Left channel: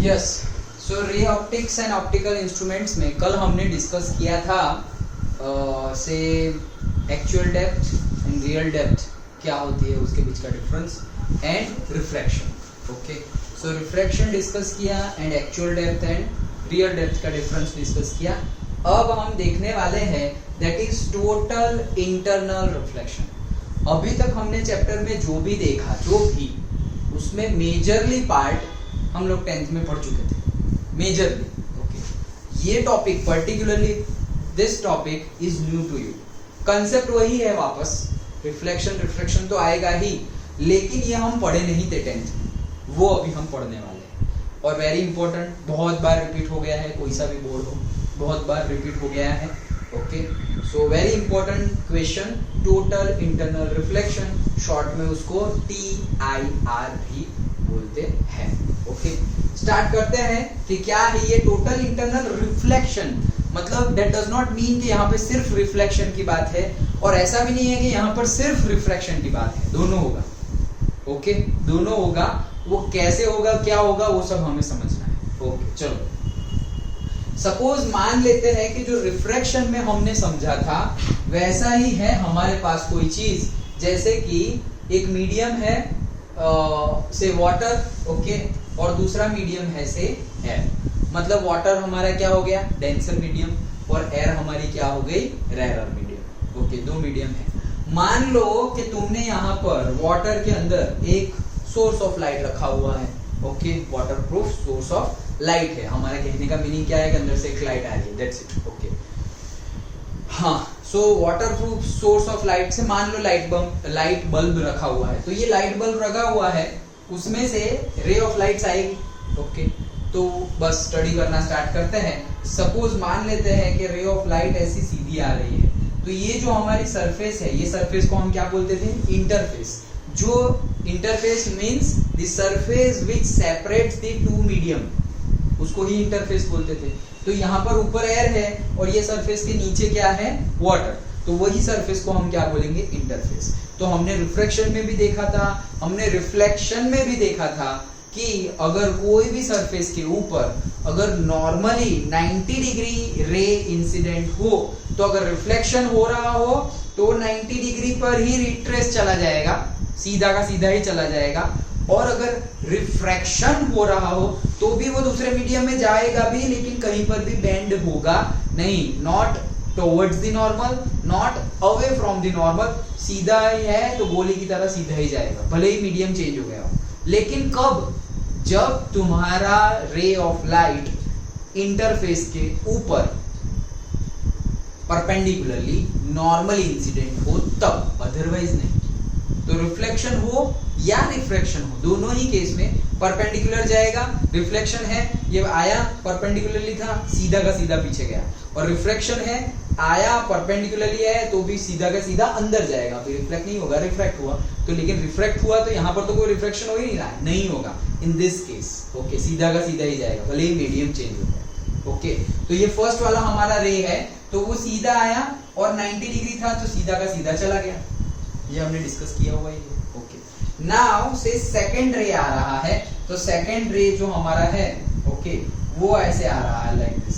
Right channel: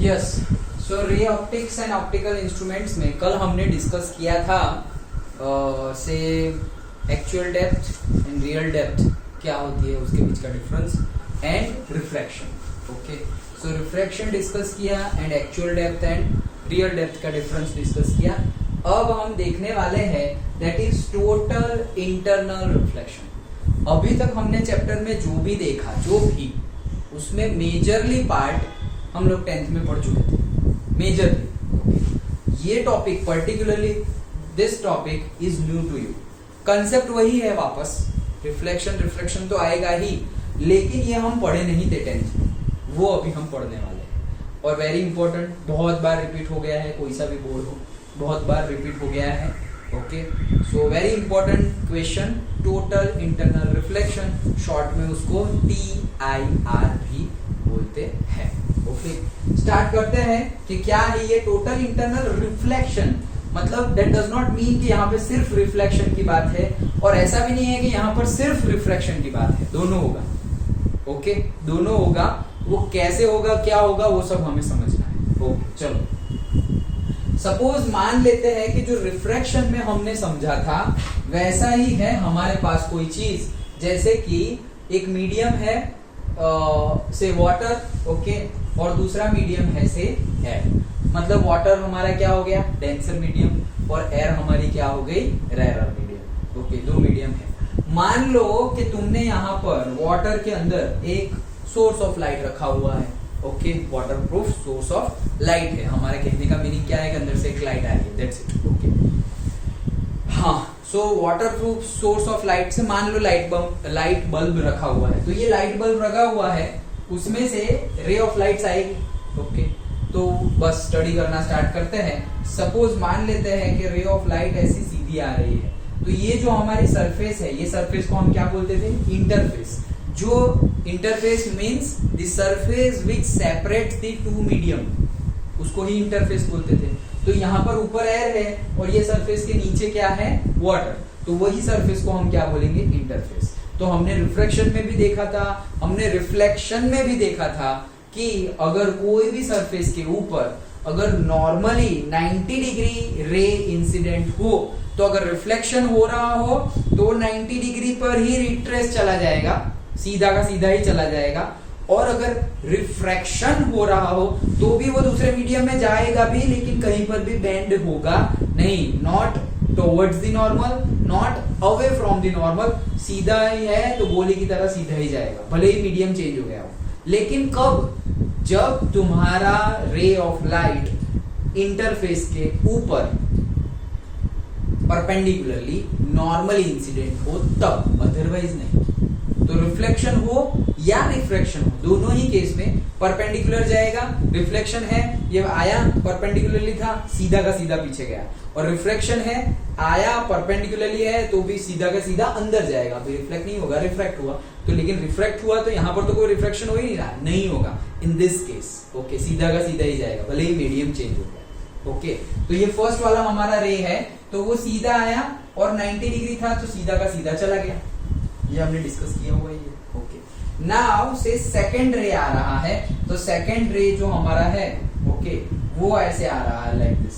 Yes, so ray optics and optical instruments में कल हमने डिस्कस किया था से actual depth and real depth क्या होती है, उसके बीच का difference and refraction. Okay, so refraction discuss किया and actual depth and real depth का डिफरेंस डिस्कस किया. अब हम देखने वाले हैं that is total internal reflection. अभी तक हमने चैप्टर में जो भी देखा, जो भी उसमें मेजरली पार्ट हम लोग 10th में पढ़ चुके थे. मेजरली ये topic particularly this topic is new to you. Concept वही है, वापस रिफ्लेक्शन तो आएगा ही, लेकिन ये हम पढ़े नहीं थे 10th में, वो अभी हम पढ़ने वाले हैं. और वेरी इंपॉर्टेंट, बहुत बार रिपीट हो गया है, कोई सा भी बोर्ड हो बहुत बार रिपीट हो गया है. Okay, so very important question, total internal reflection, short में उसको TIR भी बोलते हैं. ओके, स्टार्ट करते हैं कि क्या है ये टोटल इंटरनल रिफ्लेक्शन. मतलब दैट डज नॉट मीन कि यहाँ पे सिर्फ रिफ्लेक्शन की बात है, और ऐसा भी नहीं है कि यहाँ पर सिर्फ रिफ्रैक्शन की बात है. दोनों होगा. ओके, दोनों होगा. वो कैसे होगा, क्या होगा, वो सब हमें समझना है. ओके, चलो सपोज मान लेते हैं कि जो रिफ्रैक्शन में हमने समझा था वैसा ही है हमारे पास कोई चीज, जैसे कि एक मीडियम है से वाटर. ओके, और दूसरा मीडियम है से एयर. मतलब वाटर हमारा क्या हो गया, डेंसर मीडियम, और एयर हमारी क्या हो गई, रेयर मीडियम. ओके, दो मीडियम है. मान लो कि तुमने यहाँ पर वाटर के अंदर एक सोर्स ऑफ लाइट रखा हुआ है. Okay, water proof source of light है. हमारा कहने का मीनिंग क्या है कि अंदर से एक लाइट आ रही है, दैट्स इट. ओके, हाँ, so water proof source of light से मान लो लाइट बल्ब रखा हुआ है. तो ये लाइट बल्ब रखा हुआ है, उसमें से रे ऑफ लाइट्स आएगी. ओके, तो बस स्टडी करना स्टार्ट करते हैं. सपोज मान लेते हैं कि रे ऑफ लाइट ऐसी सीधी आ रही है, तो ये जो हमारी सरफेस है, ये सरफेस को हम क्या बोलते थे, इंटरफेस. जो interface means the surface which separates the two medium, उसको ही इंटरफेस बोलते थे. तो यहाँ पर ऊपर एयर है और ये सरफेस के नीचे क्या है, वाटर. तो वही सरफेस को हम क्या बोलेंगे, इंटरफेस. तो हमने रिफ्रैक्शन में भी देखा था, हमने रिफ्लेक्शन में भी देखा था कि अगर कोई भी सरफेस के ऊपर अगर नॉर्मली 90 डिग्री रे इंसिडेंट हो, तो अगर रिफ्लेक्शन हो रहा हो तो 90 डिग्री पर ही रिट्रेस चला जाएगा, सीधा का सीधा ही चला जाएगा. और अगर रिफ्रैक्शन हो रहा हो तो भी वो दूसरे मीडियम में जाएगा भी, लेकिन कहीं पर भी बेंड होगा नहीं. Not towards the normal, not away from the normal. सीधा ही है तो गोली की तरह सीधा ही जाएगा, भले ही मीडियम चेंज हो गया हो. लेकिन कब, जब तुम्हारा रे ऑफ लाइट इंटरफेस के ऊपर परपेंडिकुलरली नॉर्मली इंसिडेंट हो तब, अदरवाइज नहीं. तो रिफ्लेक्शन हो या रिफ्रैक्शन हो, दोनों ही केस में परपेंडिकुलर जाएगा. रिफ्लेक्शन है, ये आया परपेंडिकुलरली था, सीधा का सीधा पीछे गया. और रिफ्रैक्शन है, आया परपेंडिकुलरली है तो भी सीधा का सीधा अंदर जाएगा, तो रिफ्लेक्ट नहीं होगा, रिफ्रैक्ट हुआ. तो लेकिन रिफ्रैक्ट हुआ तो यहाँ पर तो कोई रिफ्रैक्शन हो ही नहीं रहा, नहीं होगा इन दिस केस. ओके, सीधा का सीधा ही जाएगा, भले ही मीडियम चेंज हो गया. ओके, तो ये फर्स्ट वाला हमारा रे है, तो वो सीधा आया और 90 डिग्री था तो सीधा का सीधा चला गया. ये हमने डिस्कस किया हुआ है. ओके, नाउ से सेकंड रे आ रहा है, तो सेकंड रे जो हमारा है, ओके, वो ऐसे आ रहा है लाइक दिस.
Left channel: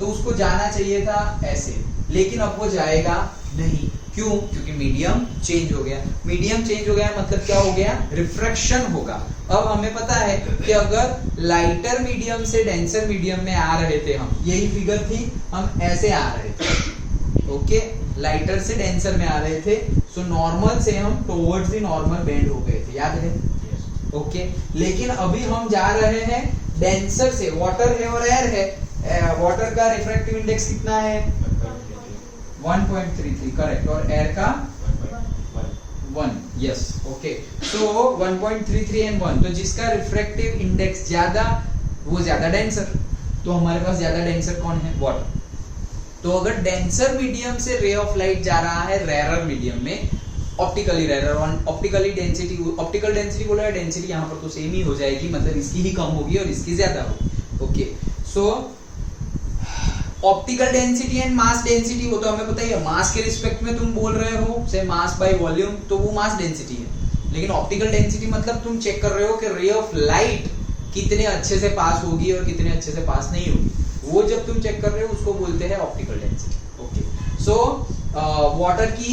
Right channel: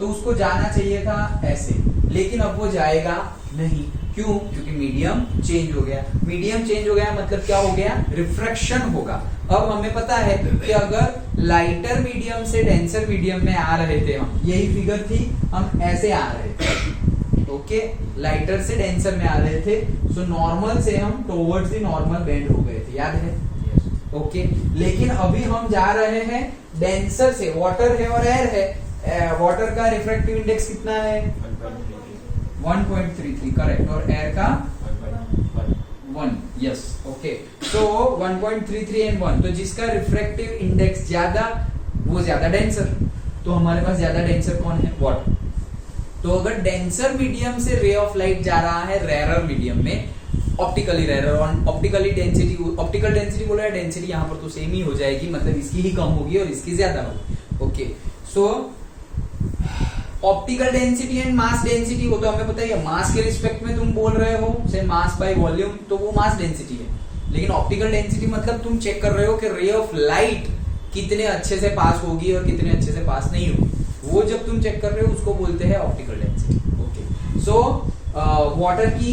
तो उसको जाना चाहिए था ऐसे, लेकिन अब वो जाएगा नहीं. क्यों? क्योंकि मीडियम चेंज हो गया. मीडियम चेंज हो गया मतलब क्या हो गया, रिफ्रैक्शन होगा. अब हमें पता है कि अगर लाइटर मीडियम से डेंसर मीडियम में आ रहे थे हम, यही फिगर थी, हम ऐसे आ रहे थे. ओके, लाइटर से डेंसर में आ रहे थे, सो नॉर्मल से हम टुवर्ड्स द नॉर्मल बेंड हो गए थे, याद है. ओके, लेकिन अभी हम जा रहे हैं डेंसर से, वाटर है और एयर है. वाटर का रिफ्रैक्टिव इंडेक्स कितना है, 1.33, करेक्ट. और एयर का 1. Yes, okay, so 1.33 and 1. तो जिसका रिफ्रैक्टिव इंडेक्स ज्यादा वो ज्यादा डेंसर. तो हमारे पास ज्यादा डेंसर कौन है, वाटर. तो अगर डेंसर मीडियम से रे ऑफ लाइट जा रहा है रेरर मीडियम में, optically rarer, optically density, optical density बोला है, डेंसिटी यहाँ पर तो सेम ही हो जाएगी, मतलब इसकी ही कम होगी और इसकी ज्यादा होगी. Okay, so optical density and mass density, वो तो हमें पता ही है. मास के रिस्पेक्ट में तुम बोल रहे हो, से मास बाय वॉल्यूम, तो वो मास डेंसिटी है. लेकिन ऑप्टिकल डेंसिटी मतलब तुम चेक कर रहे हो कि रे ऑफ लाइट कितने अच्छे से पास होगी और कितने अच्छे से पास नहीं होगी, वो जब तुम चेक कर रहे हो उसको बोलते हैं optical density. Okay, so water की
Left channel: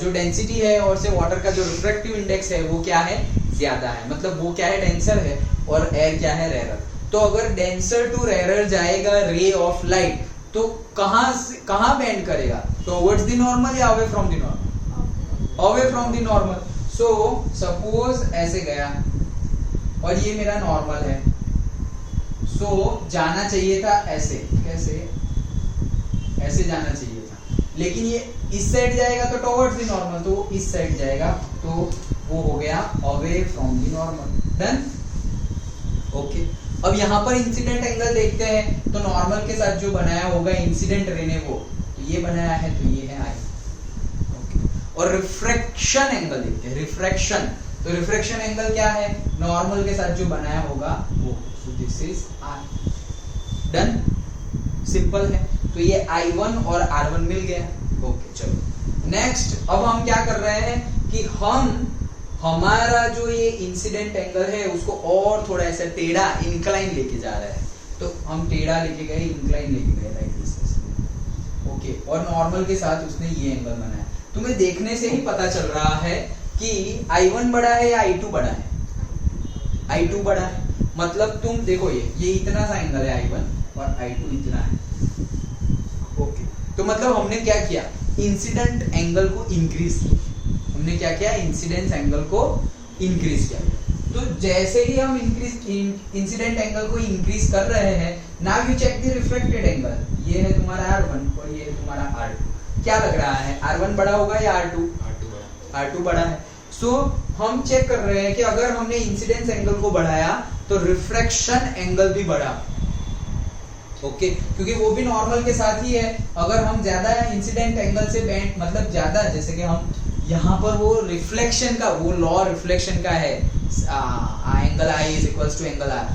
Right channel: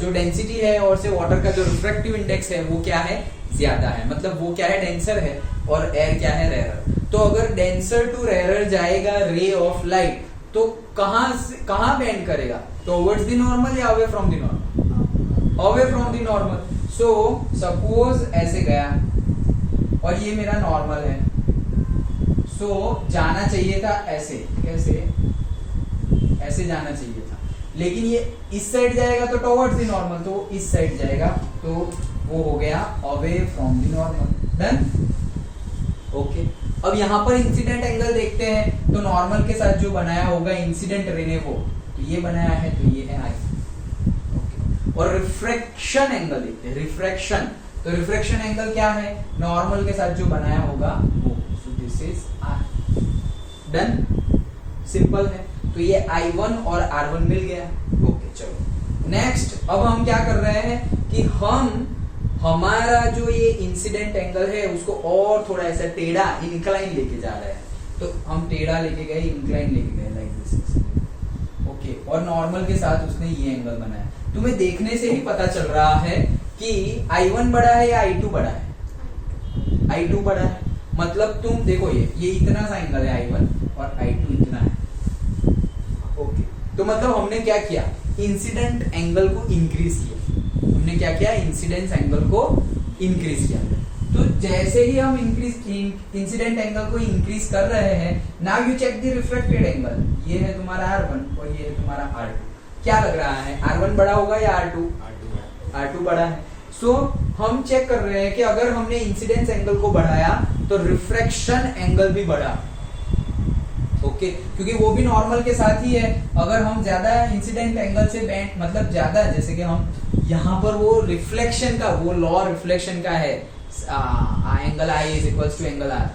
जो डेंसिटी है और से वाटर का जो रिफ्रैक्टिव इंडेक्स है वो क्या है, ज्यादा है, मतलब वो क्या है, डेंसर है, और एयर क्या है, रेयर। तो अगर डेंसर टू रेयर जाएगा रे ऑफ लाइट तो कहाँ बेंड करेगा, टुवर्ड्स द नॉर्मल या away from the normal, away from the normal. So suppose ऐसे गया और ये मेरा नॉर्मल है, सो जाना चाहिए था ऐसे, कैसे, ऐसे जाना चाहिए था, लेकिन ये इस साइड जाएगा तो टुवर्ड्स द नॉर्मल, तो इस साइड जाएगा तो वो हो गया away from the normal. Done. Okay, अब यहाँ पर इंसिडेंट एंगल देखते हैं, तो नॉर्मल के साथ जो बनाया होगा इंसिडेंट रे ने वो, तो ये बनाया है, तो ये है आई। ओके, और रिफ्रैक्शन एंगल देखते हैं, रिफ्रैक्शन, तो रिफ्रैक्शन एंगल क्या है, नॉर्मल के साथ जो बनाया होगा वो, so this is R. Done, simple है। तो ये I1 और R1 मिल गया। ओके, चलो नेक्स्ट, अब हम क्या कर रहे हैं कि हम हमारा जो ये इंसिडेंट एंगल है उसको और थोड़ा ऐसा टेढ़ा इंक्लाइन लेके जा रहे हैं, तो हम टेढ़ा लेके गए, इंक्लाइन लेके गए, लाइक दिस। ओके, और नॉर्मल के साथ उसने ये एंगल बनाया। तुम्हें देखने से ही पता चल रहा है कि I1 बड़ा है या I2 बड़ा है, I2 बड़ा है, मतलब तुम देखो ये इतना सा एंगल है I1 और I2 इतना है। ओके, तो मतलब हमने क्या किया, इंसिडेंट एंगल को इंक्रीज किया, हमने क्या किया, इंसिडेंस एंगल को इंक्रीज किया। तो जैसे ही हम इंसिडेंट एंगल को इंक्रीज कर रहे हैं, now you check the reflected angle, ये है तुम्हारा R1 और ये है तुम्हारा R2, क्या लग रहा है, R1 बड़ा होगा या R2? R2 बड़ा है। सो हम चेक कर रहे हैं कि अगर हमने इंसिडेंस एंगल को बढ़ाया तो रिफ्रैक्शन एंगल भी बढ़ा। ओके, क्योंकि वो भी नॉर्मल के साथ ही है। अगर हम ज्यादा इंसिडेंट एंगल से बेंड, मतलब ज्यादा, जैसे कि हम यहाँ पर वो रिफ्लेक्शन का, वो लॉ रिफ्लेक्शन का है, angle I is equals to angle R,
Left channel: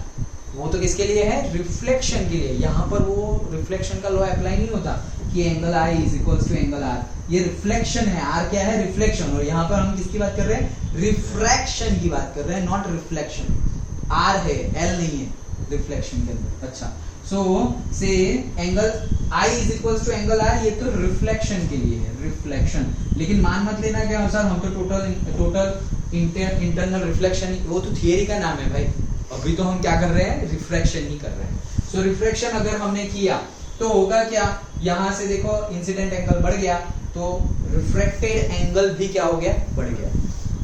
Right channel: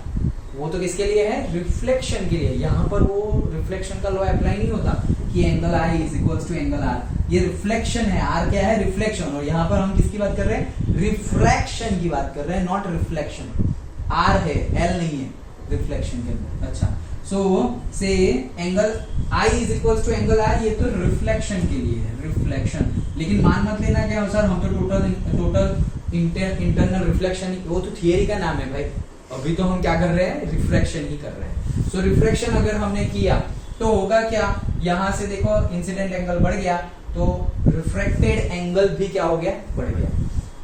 वो तो किसके लिए है, रिफ्लेक्शन के लिए। यहाँ पर वो रिफ्लेक्शन का लॉ अप्लाई नहीं होता कि angle I is equals to angle R, ये रिफ्लेक्शन है, R क्या है, रिफ्लेक्शन, और यहाँ पर हम किसकी बात कर रहे हैं, रिफ्रैक्शन की बात कर रहे हैं, नॉट रिफ्लेक्शन। R है, L नहीं है रिफ्लेक्शन के अंदर। अच्छा, सो से angle I is equals to angle R, ये तो रिफ्लेक्शन के लिए है, रिफ्लेक्शन। लेकिन मान मत लेना के अनुसार हम तो टोटल इंटरनल रिफ्लेक्शन, वो तो थियरी का नाम है भाई, अभी तो हम क्या कर रहे हैं, रिफ्रैक्शन ही कर रहे हैं। सो रिफ्रैक्शन अगर हमने किया तो होगा क्या, यहाँ से देखो इंसिडेंट एंगल बढ़ गया तो रिफ्रैक्टेड एंगल भी क्या हो गया, बढ़ गया।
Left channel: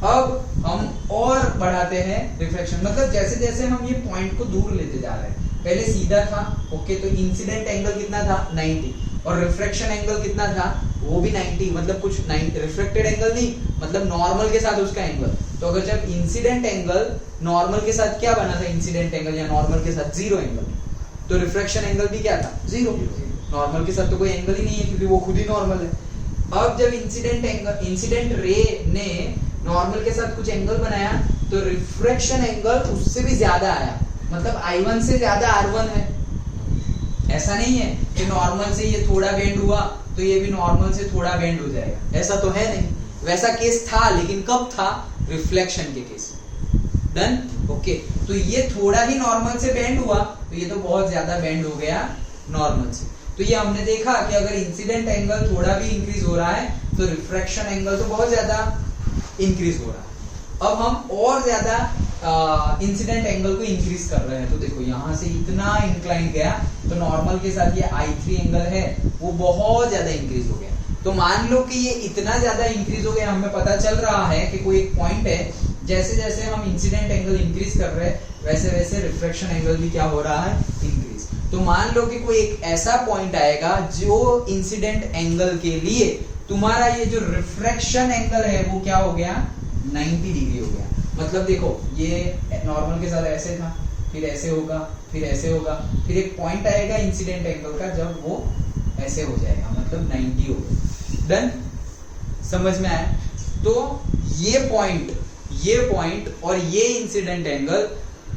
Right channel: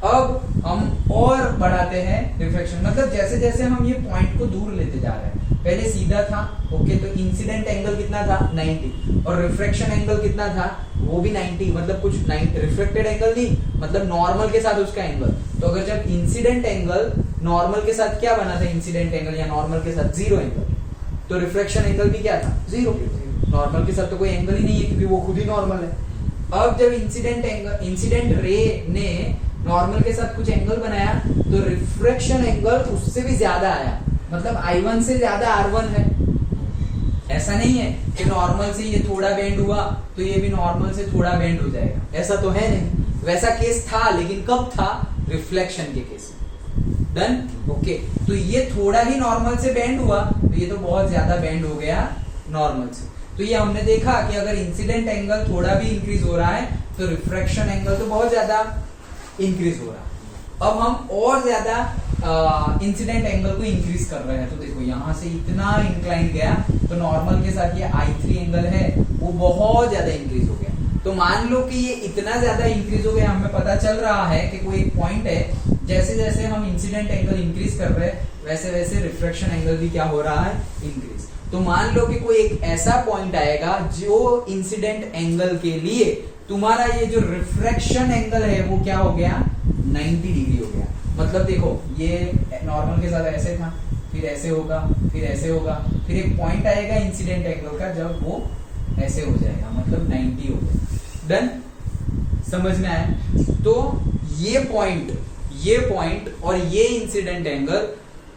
अब हम और बढ़ाते हैं रिफ्रैक्शन, मतलब जैसे जैसे हम ये पॉइंट को दूर लेते जा रहे हैं, पहले सीधा था, ओके, तो इंसिडेंट एंगल कितना था, 90, और रिफ्रैक्शन एंगल कितना था, वो भी 90, मतलब कुछ 90 रिफ्लेक्टेड एंगल नहीं, मतलब नॉर्मल के साथ उसका एंगल। तो अगर जब इंसिडेंट एंगल नॉर्मल के साथ क्या बना था, इंसिडेंट एंगल या नॉर्मल के साथ 0 एंगल, तो रिफ्रैक्शन एंगल भी क्या था, 0। नॉर्मल के साथ तो कोई एंगल ही नहीं है क्योंकि वो खुद ही नॉर्मल है। अब जब इंसिडेंट रे ने नॉर्मल के साथ कुछ एंगल बनाया तो रिफ्रैक्शन एंगल उससे भी ज्यादा आया, मतलब I1 से ज्यादा R1 है। ऐसा नहीं है कि नॉर्मल से ये थोड़ा बेंड हुआ तो ये भी नॉर्मल से थोड़ा बेंड हो जाएगा, ऐसा तो है नहीं। वैसा केस था, लेकिन कब था, रिफ्लेक्शन के केस। डन। ओके, तो ये थोड़ा ही नॉर्मल से बेंड हुआ तो ये तो बहुत ज्यादा बेंड हो गया नॉर्मल से। तो ये हमने देखा कि अगर इंसिडेंट एंगल थोड़ा भी इंक्रीज हो रहा है तो रिफ्रैक्शन एंगल तो बहुत ज्यादा इंक्रीज हो रहा है। अब हम और ज्यादा इंसिडेंट एंगल को इंक्रीज कर रहे हैं, तो देखो यहाँ से इतना इंक्लाइन गया तो नॉर्मल के साथ ये I3 एंगल है वो बहुत ज्यादा इंक्रीज हो गया। तो मान लो कि ये इतना ज्यादा इंक्रीज हो गया, हमें पता चल रहा है कि कोई एक पॉइंट है, जैसे जैसे हम इंसिडेंट एंगल इंक्रीज कर रहे हैं वैसे वैसे रिफ्रैक्शन एंगल भी क्या हो रहा है, इंक्रीज। तो मान लो कि कोई एक ऐसा पॉइंट आएगा जो इंसिडेंट एंगल के लिए तुम्हारा ये जो रिफ्रैक्शन एंगल है वो क्या हो गया, 90 डिग्री हो गया। मतलब देखो ये नॉर्मल के साथ ऐसे था, फिर ऐसे होगा, फिर ऐसे होगा, फिर एक पॉइंट आएगा इंसिडेंट एंगल का जब वो ऐसे हो जाएगा, मतलब 90 हो गया। देन समझ में आया? तो ये पॉइंट और ये इंसिडेंट एंगल,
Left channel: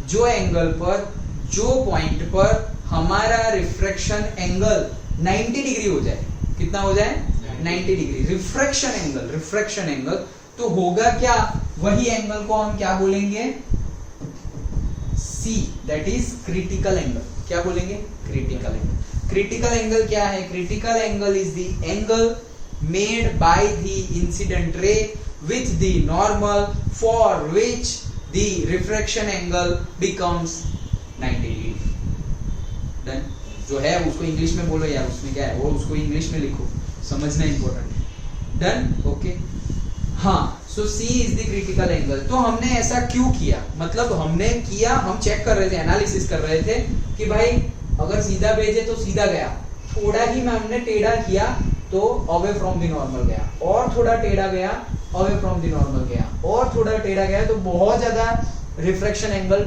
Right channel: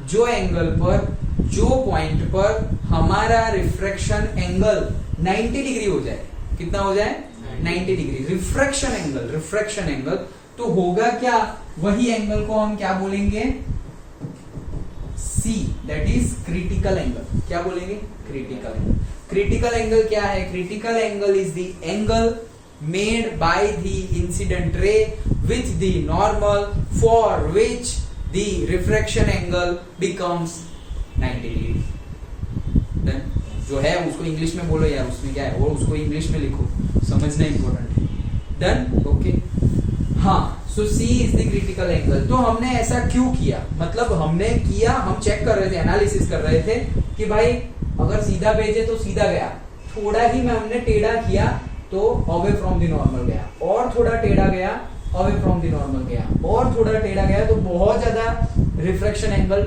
जो एंगल पर, जो पॉइंट पर हमारा रिफ्रैक्शन एंगल 90 डिग्री हो जाए, कितना हो जाए, 90 डिग्री रिफ्रैक्शन एंगल, तो होगा क्या, वही एंगल को हम क्या बोलेंगे, C, that is critical angle. क्या बोलेंगे? Critical angle. क्रिटिकल एंगल क्या है? Critical angle is the angle made by the incident ray with the normal for which the refraction angle becomes 90 degree. Done. जो है उसको इंग्लिश में बोलो यार, उसमें क्या है, और उसको इंग्लिश में लिखो, समझना इंपॉर्टेंट है। Done, okay. हाँ, सो C is the critical angle. तो हमने ऐसा क्यों किया? मतलब हमने किया, हम चेक कर रहे थे, एनालिसिस कर रहे थे कि भाई अगर सीधा भेजे तो सीधा गया, थोड़ा ही में हमने टेढ़ा किया तो अवे फ्रॉम द नॉर्मल गया, और थोड़ा टेढ़ा गया अवे फ्रॉम द नॉर्मल गया, और थोड़ा टेढ़ा गया तो बहुत ज्यादा refraction angle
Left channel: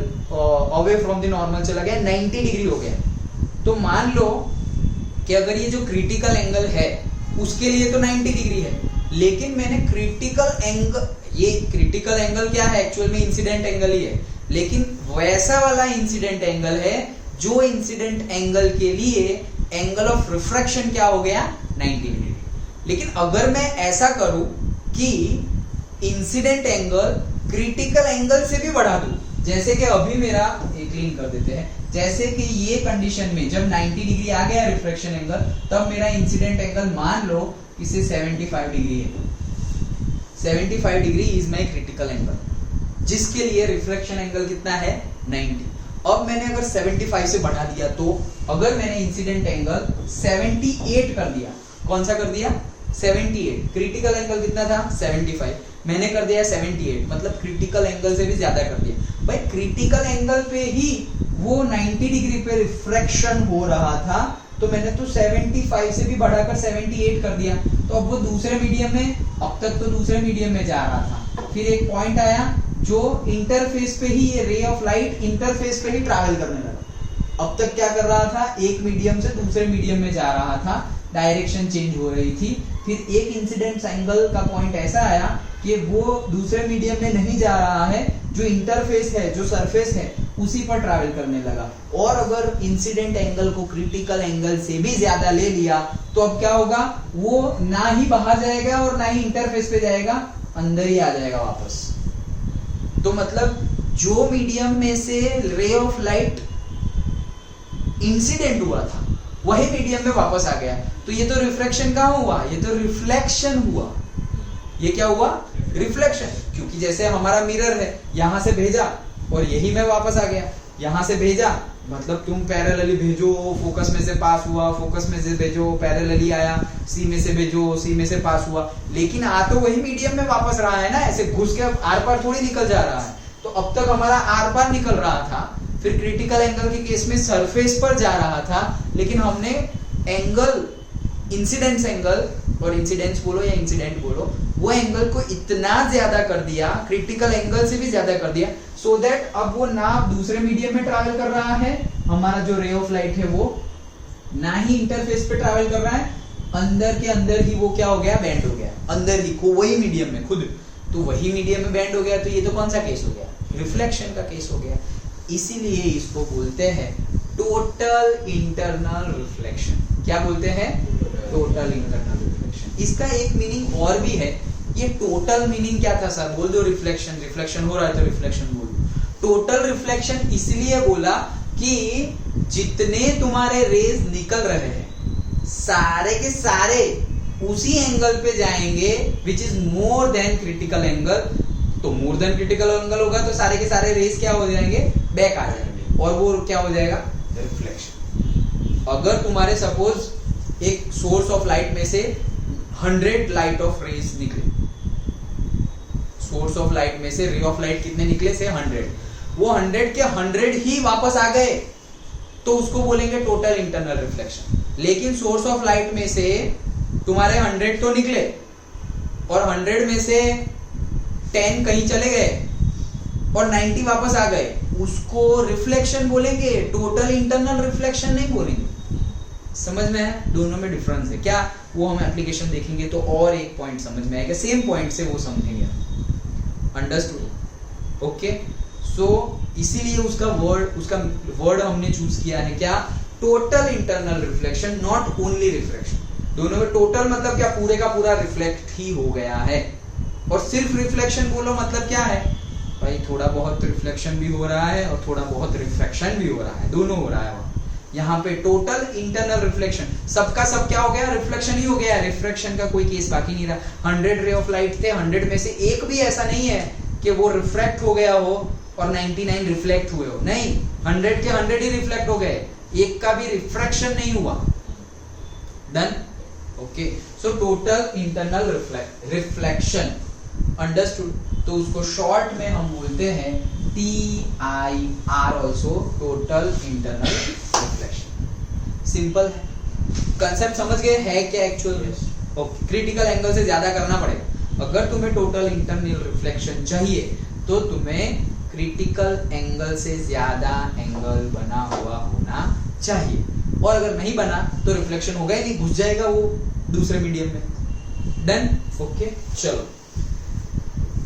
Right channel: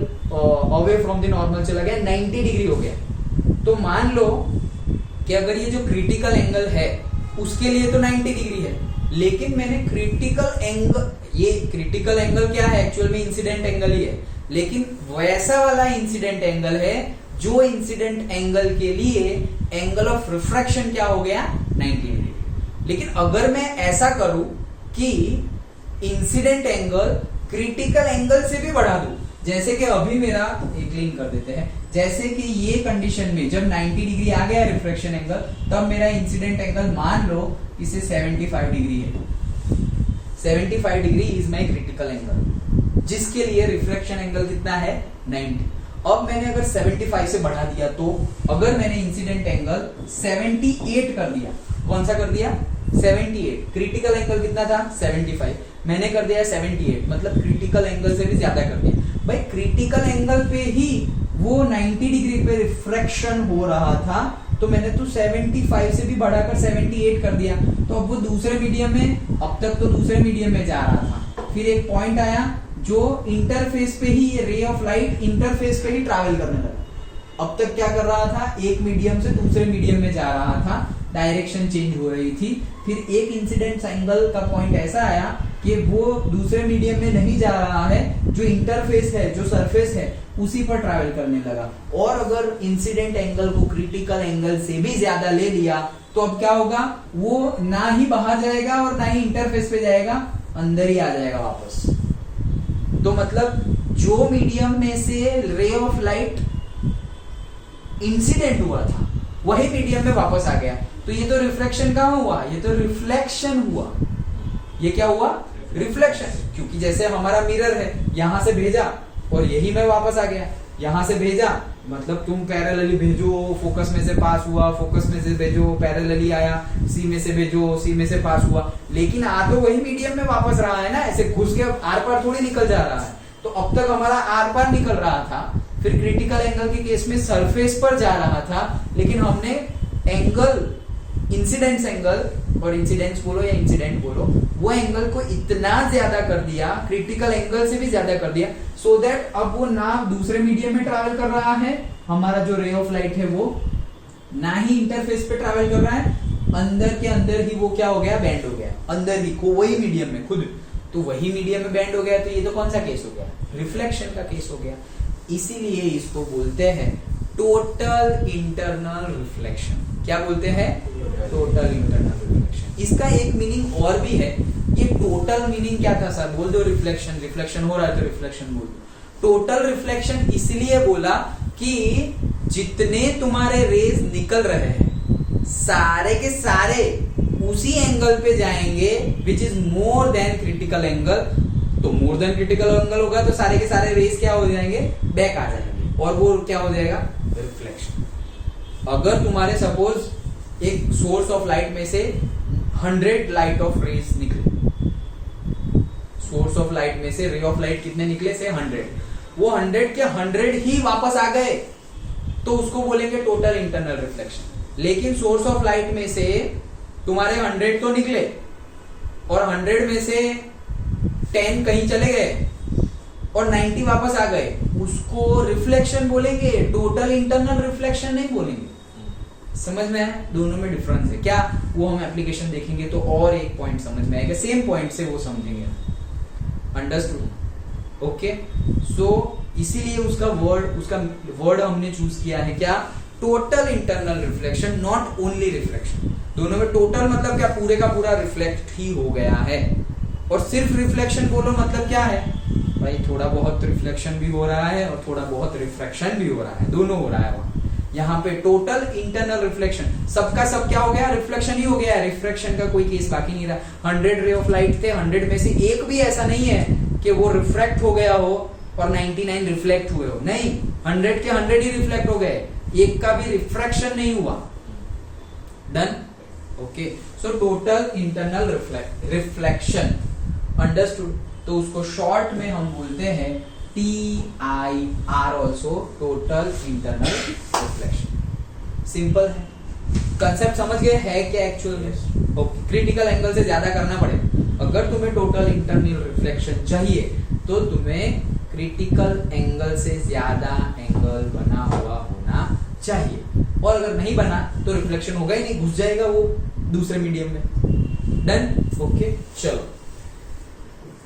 away from the normal चला गया, 90 डिग्री हो गया। तो मान लो कि अगर ये जो क्रिटिकल एंगल है उसके लिए तो 90 डिग्री है, लेकिन मैंने क्रिटिकल एंगल, ये क्रिटिकल एंगल क्या है? एक्चुअल में इंसिडेंट एंगल ही है, लेकिन वैसा वाला इंसिडेंट एंगल है जो इंसिडेंट एंगल के लिए एंगल ऑफ रिफ्रैक्शन क्या हो गया? 90 डिग्री। लेकिन अगर मैं ऐसा करूं कि इंसिडेंट एंगल क्रिटिकल एंगल से भी बढ़ा दूं, जैसे कि अभी मेरा एक लिंक कर देते हैं, जैसे कि ये कंडीशन में जब 90 डिग्री आ गया रिफ्रैक्शन एंगल, तब मेरा इंसिडेंट एंगल मान लो इसे 75 डिग्री है। 75 degree is my critical angle, जिसके लिए रिफ्रैक्शन एंगल कितना है? 90। अब मैंने अगर 75 से बढ़ा दिया, तो अगर मैंने इंसिडेंट एंगल 78 कर दिया, कौन सा कर दिया? 78। क्रिटिकल एंगल कितना था? 75, मैंने कर दिया 78, मतलब क्रिटिकल एंगल से भी ज्यादा कर दिया। भाई क्रिटिकल एंगल पे ही वो 90 डिग्री पे रिफ्रैक्शन हो रहा था, तो मैंने तो 75 से भी बढ़ाकर 78 कर दिया, तो अब वो दूसरे मीडियम में, अब तक तो दूसरे मीडियम में जा रहा था। फिर एक पॉइंट आया जो इंटरफेस पे ही, ये रे ऑफ लाइट इंटरफेस पे ही ट्रैवल करने लगा। अब तक क्या कर रहा था? एक मीडियम से दूसरे मीडियम में जा रहा था, डायरेक्शन चेंज हो रही थी। फिर एक इंसिडेंट एंगल का पॉइंट ऐसा आया कि वो दूसरे मीडियम में नहीं जा रहा है, जो इंटरफेस है, जो सरफेस है, उसी पर ट्रैवल करने लगा। और अगर इंसिडेंट एंगल को क्रिटिकल एंगल से भी ज्यादा ले लिया, तो अब क्या होगा? वो ना ही बाहर जाएगा और ना ही इंटरफेस पे जाएगा, अंदर ही आ जाएगा वापस। तो मतलब जो मीडियम में से रे ऑफ लाइट इंसिडेंट हुआ था, वही मीडियम में वापस आ गया। तो ये तो रिफ्लेक्शन कहां हुआ? ये तो रिफ्लेक्शन हुआ। ये क्या हुआ? रिफ्लेक्शन। क्योंकि जैसे हमारा मिरर है, यहां से भेजा और यही में वापस आ गया, यहां से भेजा मतलब तुम पैरेलली भेजो, फोकस में से पास हुआ, फोकस में से भेजो, पैरेलली आया, सी में से भेजो, सी में से पास हुआ, लेकिन आ तो वही मीडियम में वापस रहा है ना, ऐसे घुस के आर पार थोड़ी निकल जा रहा है। तो अब तक हमारा आर पार निकल रहा था, फिर क्रिटिकल एंगल के केस में सरफेस पर जा रहा था, लेकिन हमने एंगल, इंसिडेंस एंगल, और इंसिडेंस बोलो या इंसिडेंट बोलो, वो एंगल को इतना ज्यादा कर दिया, क्रिटिकल एंगल से भी ज्यादा कर दिया, सो दैट अब वो ना दूसरे मीडियम में ट्रैवल कर रहा है, हमारा जो रे ऑफ लाइट है वो ना ही इंटरफेस पे ट्रैवल कर रहा है, अंदर के अंदर ही वो क्या हो गया? बैंड हो गया, अंदर ही को वही मीडियम में खुद, तो वही मीडियम में बैंड हो गया। तो ये तो कौन सा केस हो गया? रिफ्लेक्शन का केस हो गया। इसीलिए इसको बोलते हैं टोटल इंटरनल रिफ्लेक्शन। क्या बोलते हैं? Total internal reflection. इसका एक मीनिंग और भी है। ये टोटल मीनिंग क्या था सर? बोल दो रिफ्लेक्शन, रिफ्लेक्शन हो रहा है तो रिफ्लेक्शन बोल दो। टोटल रिफ्लेक्शन इसलिए बोला कि जितने तुम्हारे रेज निकल रहे हैं सारे के सारे उसी एंगल पे जाएंगे which is more than critical angle. तो मोर देन क्रिटिकल एंगल होगा तो सारे के सारे रेज क्या हो जाएंगे? बैक आ जाएंगे, और वो क्या हो जाएगा? रिफ्लेक्शन। अगर तुम्हारे सपोज एक सोर्स ऑफ लाइट में से 100 लाइट ऑफ रेज निकले, सोर्स ऑफ लाइट में से रे ऑफ लाइट कितने निकले? से 100, वो 100 के 100 ही वापस आ गए, तो उसको बोलेंगे टोटल इंटरनल रिफ्लेक्शन। लेकिन सोर्स ऑफ लाइट में से तुम्हारे 100 तो निकले और 100 में से 10 कहीं चले गए और 90 वापस आ गए, उसको रिफ्लेक्शन बोलेंगे, टोटल इंटरनल रिफ्लेक्शन नहीं बोलेंगे। समझ में है? दोनों में डिफरेंस है क्या? वो हम एप्लीकेशन देखेंगे तो और एक पॉइंट समझ में आएगा, सेम पॉइंट से वो समझेंगे। अंडरस्टूड? ओके, सो इसीलिए उसका वर्ड हमने चूज किया है क्या? Total internal reflection, not only reflection. दोनों में टोटल मतलब क्या? पूरे का पूरा रिफ्लेक्ट ही हो गया है। और सिर्फ रिफ्लेक्शन बोलो मतलब क्या है? भाई थोड़ा बहुत रिफ्लेक्शन भी हो रहा है और थोड़ा बहुत रिफ्रैक्शन भी हो रहा है, दोनों हो रहा है वहां। यहाँ पे टोटल इंटरनल रिफ्लेक्शन, सबका सब क्या हो गया, रिफ्लेक्शन ही हो गया, रिफ्रैक्शन का कोई केस बाकी नहीं रहा। 100 रे ऑफ लाइट थे, 100 में से एक भी ऐसा नहीं है कि वो रिफ्रैक्ट हो गया हो और 99 रिफ्लेक्ट हुए हो, नहीं, 100 के 100 ही रिफ्लेक्ट हो गए, एक का भी रिफ्रैक्शन नहीं हुआ। Done, okay. So total internal reflection, understood. तो उसको शॉर्ट में हम बोलते हैं TIR also, total internal reflection. Simple है, कंसेप्ट समझ गए है क्या एक्चुअल में? ओके, क्रिटिकल एंगल से ज्यादा करना पड़ेगा। अगर तुम्हें टोटल इंटरनल रिफ्लेक्शन चाहिए तो तुम्हें क्रिटिकल एंगल से ज्यादा एंगल बना हुआ होना चाहिए, और अगर नहीं बना तो रिफ्लेक्शन होगा ही नहीं, घुस जाएगा वो दूसरे मीडियम में। डन, ओके, चलो।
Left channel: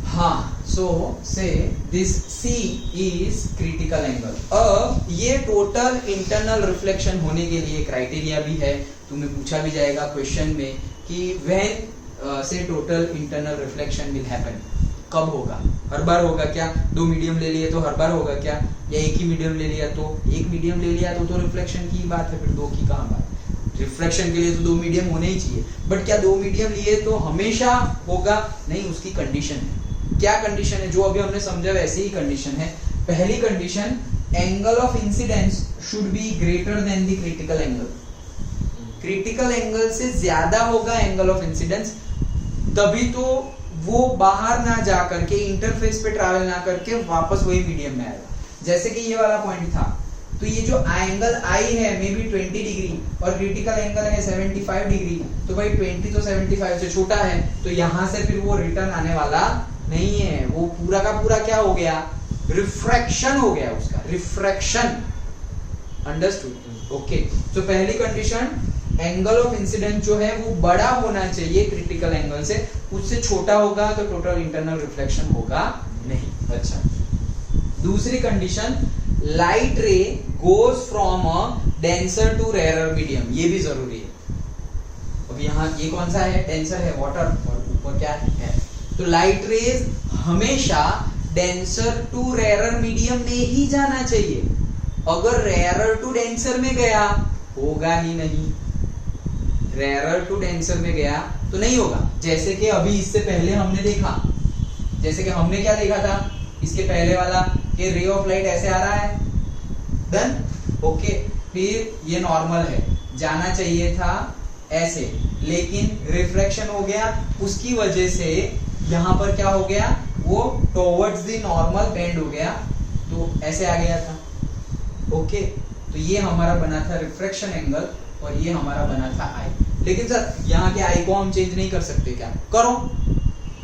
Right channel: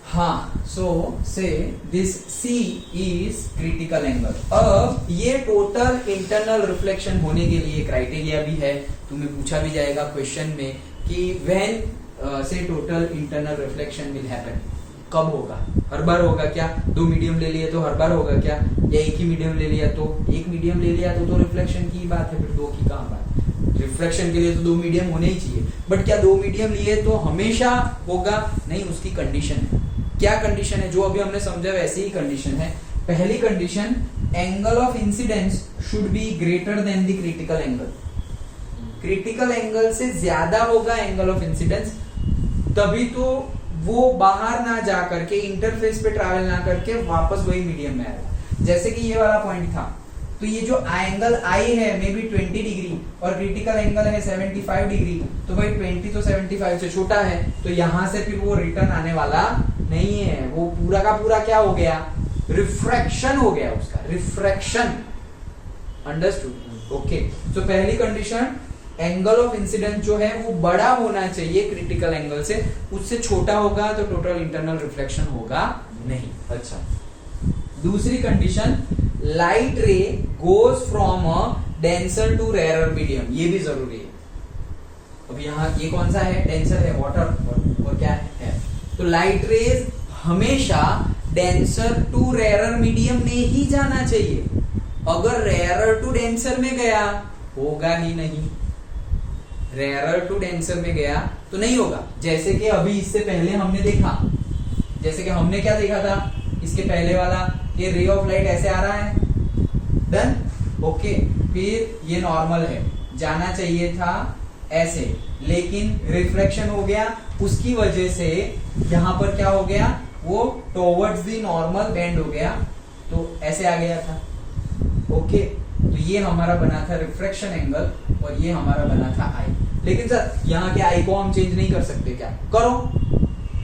हाँ, सो से this C is critical angle. अब ये टोटल इंटरनल रिफ्लेक्शन होने के लिए क्राइटेरिया भी है, तुम्हें पूछा भी जाएगा क्वेश्चन में कि व्हेन से total internal reflection will happen, कब होगा? हर बार होगा क्या? दो मीडियम ले लिए तो हर बार होगा क्या? या एक ही मीडियम ले लिया तो? एक मीडियम ले लिया तो रिफ्लेक्शन की बात है, फिर दो की कहाँ बात? रिफ्लेक्शन के लिए तो दो मीडियम होने ही चाहिए, बट क्या दो मीडियम लिए तो हमेशा होगा? नहीं, उसकी कंडीशन है। क्या कंडीशन है? जो अभी हमने समझा वैसे ही कंडीशन है। पहली condition, angle of incidence should be greater than the critical angle. Critical angle से ज्यादा होगा एंगल ऑफ इंसिडेंस, तभी तो वो बाहर ना जा करके, इंटरफेस पे ट्रैवल ना करके वापस वही मीडियम में आएगा। जैसे कि ये वाला पॉइंट था, तो ये जो एंगल आई है मे बी 20 डिग्री और क्रिटिकल एंगल है 75 डिग्री, तो भाई 20 तो 75 से छोटा है, तो यहां से फिर वो रिटर्न आने वाला नहीं है, वो पूरा का पूरा क्या हो गया? रिफ्रैक्शन हो गया उसका, रिफ्रैक्शन। Understood, okay. तो पहली कंडीशन, एंगल ऑफ इंसिडेंस जो है वो बड़ा होना चाहिए क्रिटिकल एंगल से, उससे छोटा होगा तो टोटल इंटरनल रिफ्लेक्शन होगा नहीं। अच्छा, दूसरी condition, light ray goes from a denser to rarer medium, ये भी जरूरी है। अब यहाँ ये कौन सा है? डेंसर है, वाटर, और ऊपर क्या है? तो लाइट रेज हमेशा डेंसर टू रेयरर मीडियम में ही जाना चाहिए। अगर रेयरर टू डेंसर में गया, होगा ही नहीं। रेयरर टू डेंसर में गया तो नहीं होगा। जैसे कि अभी इससे पहले हमने देखा, जैसे कि हमने क्या देखा था इसके पहले वाला, कि रे ऑफ लाइट ऐसे आ रहा है। Done, okay. फिर ये नॉर्मल है, जाना चाहिए था ऐसे, लेकिन रिफ्लेक्शन हो गया, उसकी वजह से यहां पर क्या हो गया? वो टुवर्ड्स द नॉर्मल बेंड हो गया, तो ऐसे आ गया था। ओके, तो ये हमारा बना था रिफ्रैक्शन एंगल और ये हमारा बना था आई। लेकिन सर यहाँ के आई को हम चेंज नहीं कर सकते क्या? करो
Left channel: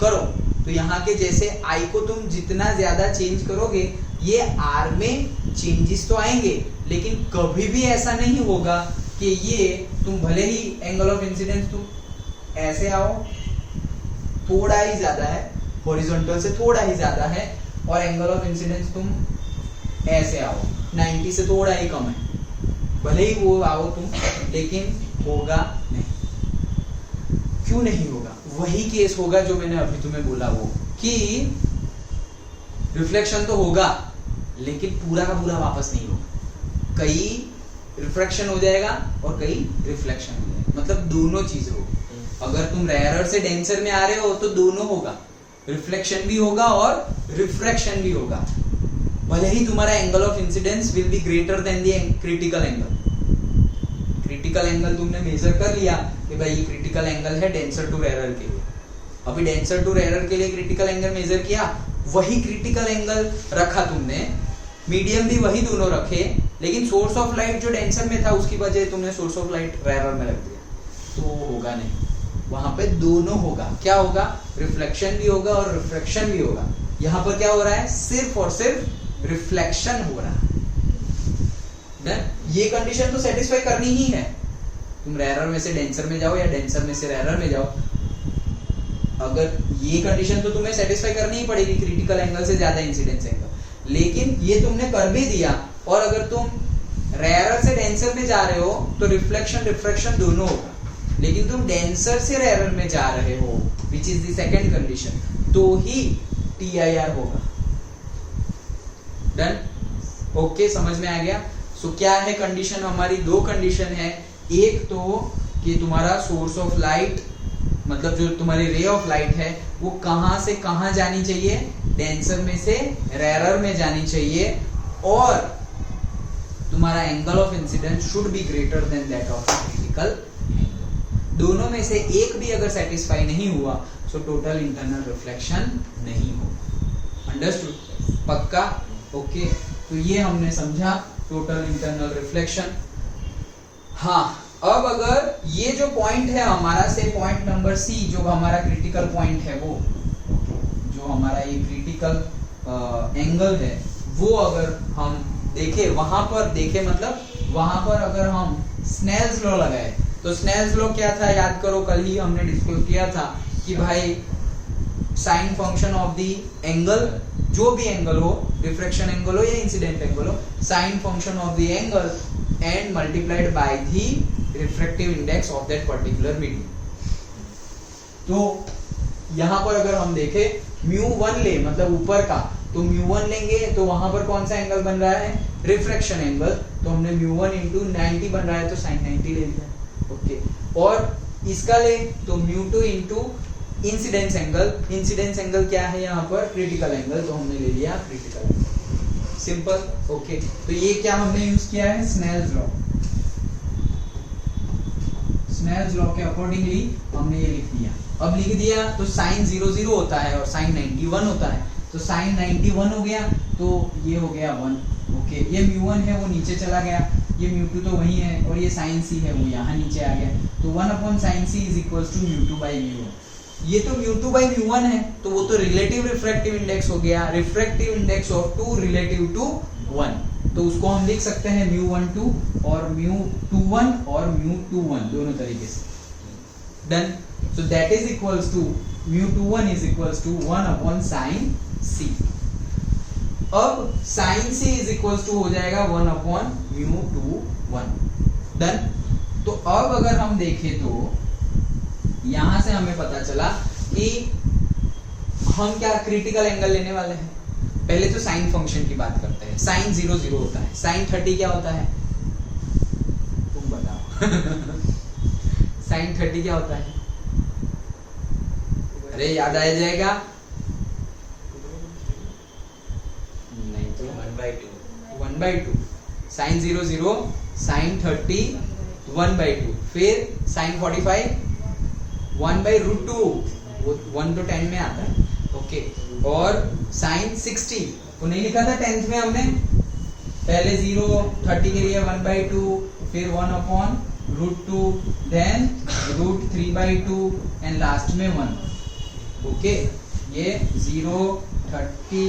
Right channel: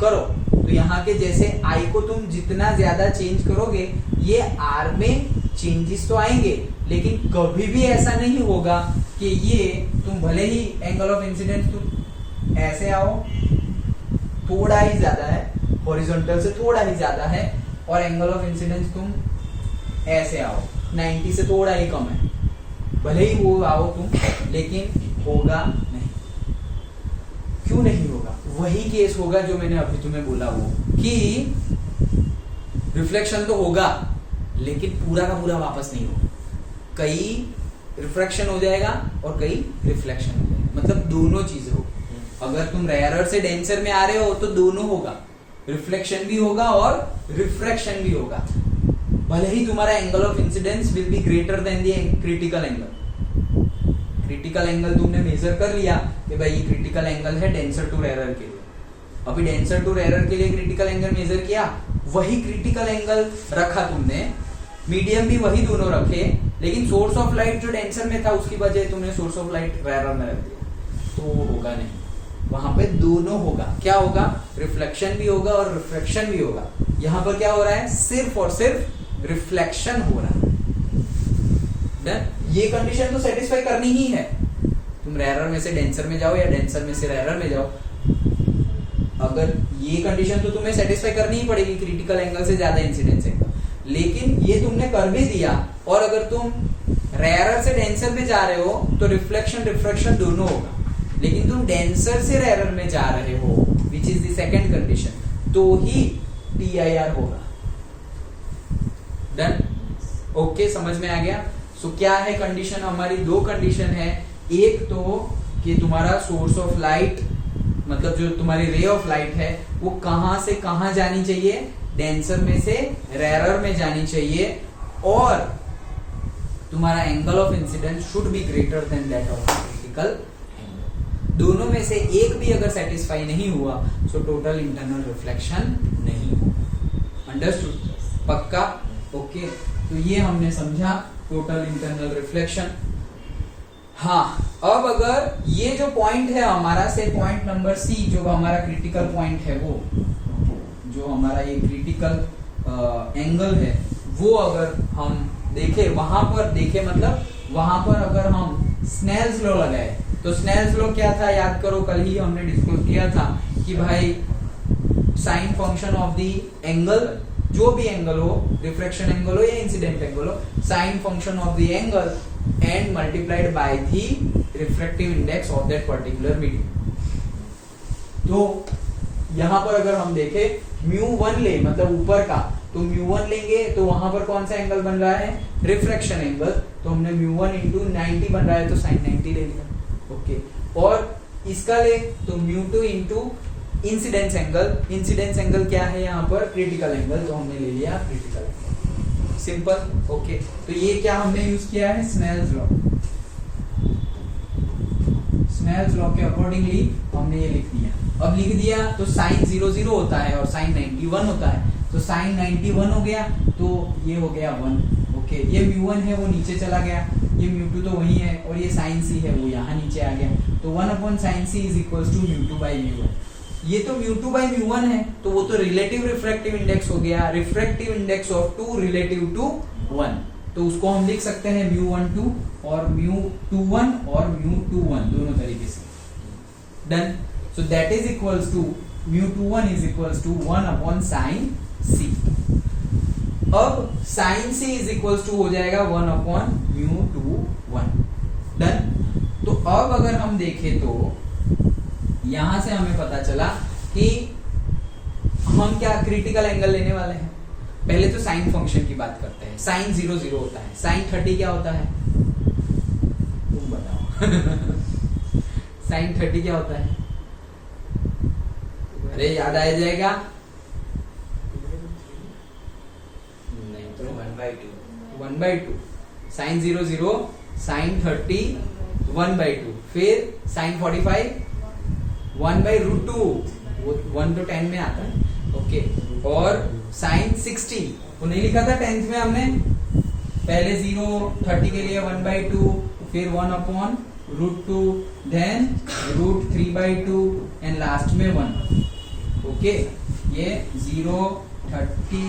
करो। तो यहाँ के जैसे आई को तुम जितना ज्यादा चेंज करोगे, ये आर में चेंजेस तो आएंगे, लेकिन कभी भी ऐसा नहीं होगा कि ये तुम भले ही एंगल ऑफ इंसिडेंस तुम ऐसे आओ, थोड़ा ही ज्यादा है, हॉरिजॉन्टल से थोड़ा ही ज्यादा है, और एंगल ऑफ इंसिडेंस तुम ऐसे आओ, 90 से थोड़ा ही कम है, भले ही वो आओ तुम, लेकिन होगा नहीं। क्यों नहीं होगा? वही केस होगा जो मैंने अभी तुम्हें बोला, वो कि रिफ्लेक्शन तो होगा लेकिन पूरा का पूरा वापस नहीं होगा। कई रिफ्रैक्शन हो जाएगा और कई रिफ्लेक्शन हो जाएगा, मतलब दोनों चीज होगी। अगर तुम रेयरर से डेंसर में आ रहे हो तो दोनों होगा, रिफ्लेक्शन भी होगा और रिफ्रैक्शन भी होगा, भले ही तुम्हारा angle of incidence will be greater than the critical angle. Critical angle तुमने मेजर कर लिया कि भाई ये क्रिटिकल एंगल है डेंसर टू रेयरर के लिए, अभी डेंसर टू रेयरर के लिए क्रिटिकल एंगल मेजर किया, वही क्रिटिकल एंगल रखा तुमने, मीडियम भी वही दोनों रखे, लेकिन सोर्स ऑफ लाइट जो डेंसर में था उसकी वजह तुमने सोर्स ऑफ लाइट रेयरर में रख दिया, तो होगा नहीं। वहां पे दोनों होगा। क्या होगा? रिफ्लेक्शन भी होगा और रिफ्रैक्शन भी होगा। यहां पर क्या हो रहा है? सिर्फ और सिर्फ रिफ्लेक्शन हो रहा है। ये कंडीशन तो सेटिस्फाई करनी ही है, तुम रेयरर में से डेंसर में जाओ या डेंसर में से रेयरर में जाओ, अगर ये कंडीशन तो तुम्हें सेटिस्फाई करनी ही पड़ेगी, क्रिटिकल एंगल से ज्यादा इंसिडेंस एंगल। लेकिन ये तुमने कर भी दिया, और अगर तुम रेयरर से डेंसर में जा रहे हो तो रिफ्लेक्शन रिफ्रैक्शन दोनों होगा, लेकिन तुम डेंसर से रेयरर में जा रहे हो, which is the second condition, तो ही TIR होगा। डन, ओके, समझ में आ गया। सो क्या है कंडीशन हमारी? दो कंडीशन है, एक तो कि तुम्हारा सोर्स ऑफ लाइट मतलब जो तुम्हारी रे ऑफ लाइट है वो कहां से कहां जानी चाहिए, डेंसर में से रेयरर में जानी चाहिए, और तुम्हारा angle of incidence should be greater than that of critical. दोनों में से एक भी अगर सेटिस्फाई नहीं हुआ सो टोटल इंटरनल रिफ्लेक्शन नहीं होगा। अंडरस्टूड? पक्का? ओके, तो ये हमने समझा टोटल इंटरनल रिफ्लेक्शन। हाँ, अब अगर ये जो पॉइंट है हमारा से पॉइंट नंबर सी जो हमारा क्रिटिकल पॉइंट है, वो जो हमारा ये क्रिटिकल एंगल है वो अगर हम देखे, वहां पर देखे मतलब वहां पर अगर हम स्नेल्स लॉ लगाए तो स्नेल्स लॉ क्या था याद करो, कल ही हमने डिस्कस किया था कि भाई sine function of the angle, जो भी एंगल हो, रिफ्रैक्शन एंगल हो या इंसिडेंट एंगल हो, sine function of the angle and multiplied by the refractive index of that particular medium. तो यहां पर अगर हम देखें μ1 ले मतलब ऊपर का, तो μ1 लेंगे तो वहां पर कौन सा एंगल बन रहा है? Refraction angle. तो हमने μ1 इंटू 90 बन रहा है तो साइन 90 ले लिया। ओके, और इसका ले तो μ2 into incidence angle. Incidence angle क्या है यहाँ पर? क्रिटिकल एंगल, तो हमने ले लिया क्रिटिकल एंगल। सिंपल। ओके, तो ये क्या हमने यूज किया है? Snell's law. स्नेल्स लॉ के अकॉर्डिंगली हमने ये लिख दिया। अब लिख दिया तो साइन 0 0 होता है और साइन 91 होता है, तो साइन 91 हो गया तो ये हो गया 1। ओके, ये μ1 है वो नीचे चला गया, ये μ2 तो वही है, और ये साइन c है वो यहाँ नीचे आ गया, तो 1/sin c is equals to μ2/μ1। ये तो μ2/μ1 है, तो वो तो रिलेटिव रिफ्रैक्टिव इंडेक्स हो गया, refractive index of 2 relative to 1, तो उसको हम लिख सकते हैं μ12 और μ21 और μ21 दोनों तरीके से। Done, so that is equals to μ21 is equals to 1/sin c। अब sin c is equals to हो जाएगा 1/μ21। डन, तो अब अगर हम देखें तो यहां से हमें पता चला कि हम क्या क्रिटिकल एंगल लेने वाले हैं। पहले तो साइन फंक्शन की बात करते हैं। साइन 0 0 होता है, साइन 30 क्या होता है? तुम बताओ। साइन 30 क्या होता है? अरे याद आ जाएगा? नहीं तो 1/2। साइन 0 0, साइन 30 1/2, फिर साइन 45 1/√2, वो 1 to 10 में आता है। ओके, और साइन 60 वो नहीं लिखा था 10th में हमने, पहले 0 30 के लिए 1/2, फिर 1/√2, देन √3/2 एंड लास्ट में 1। ओके, ये 0 30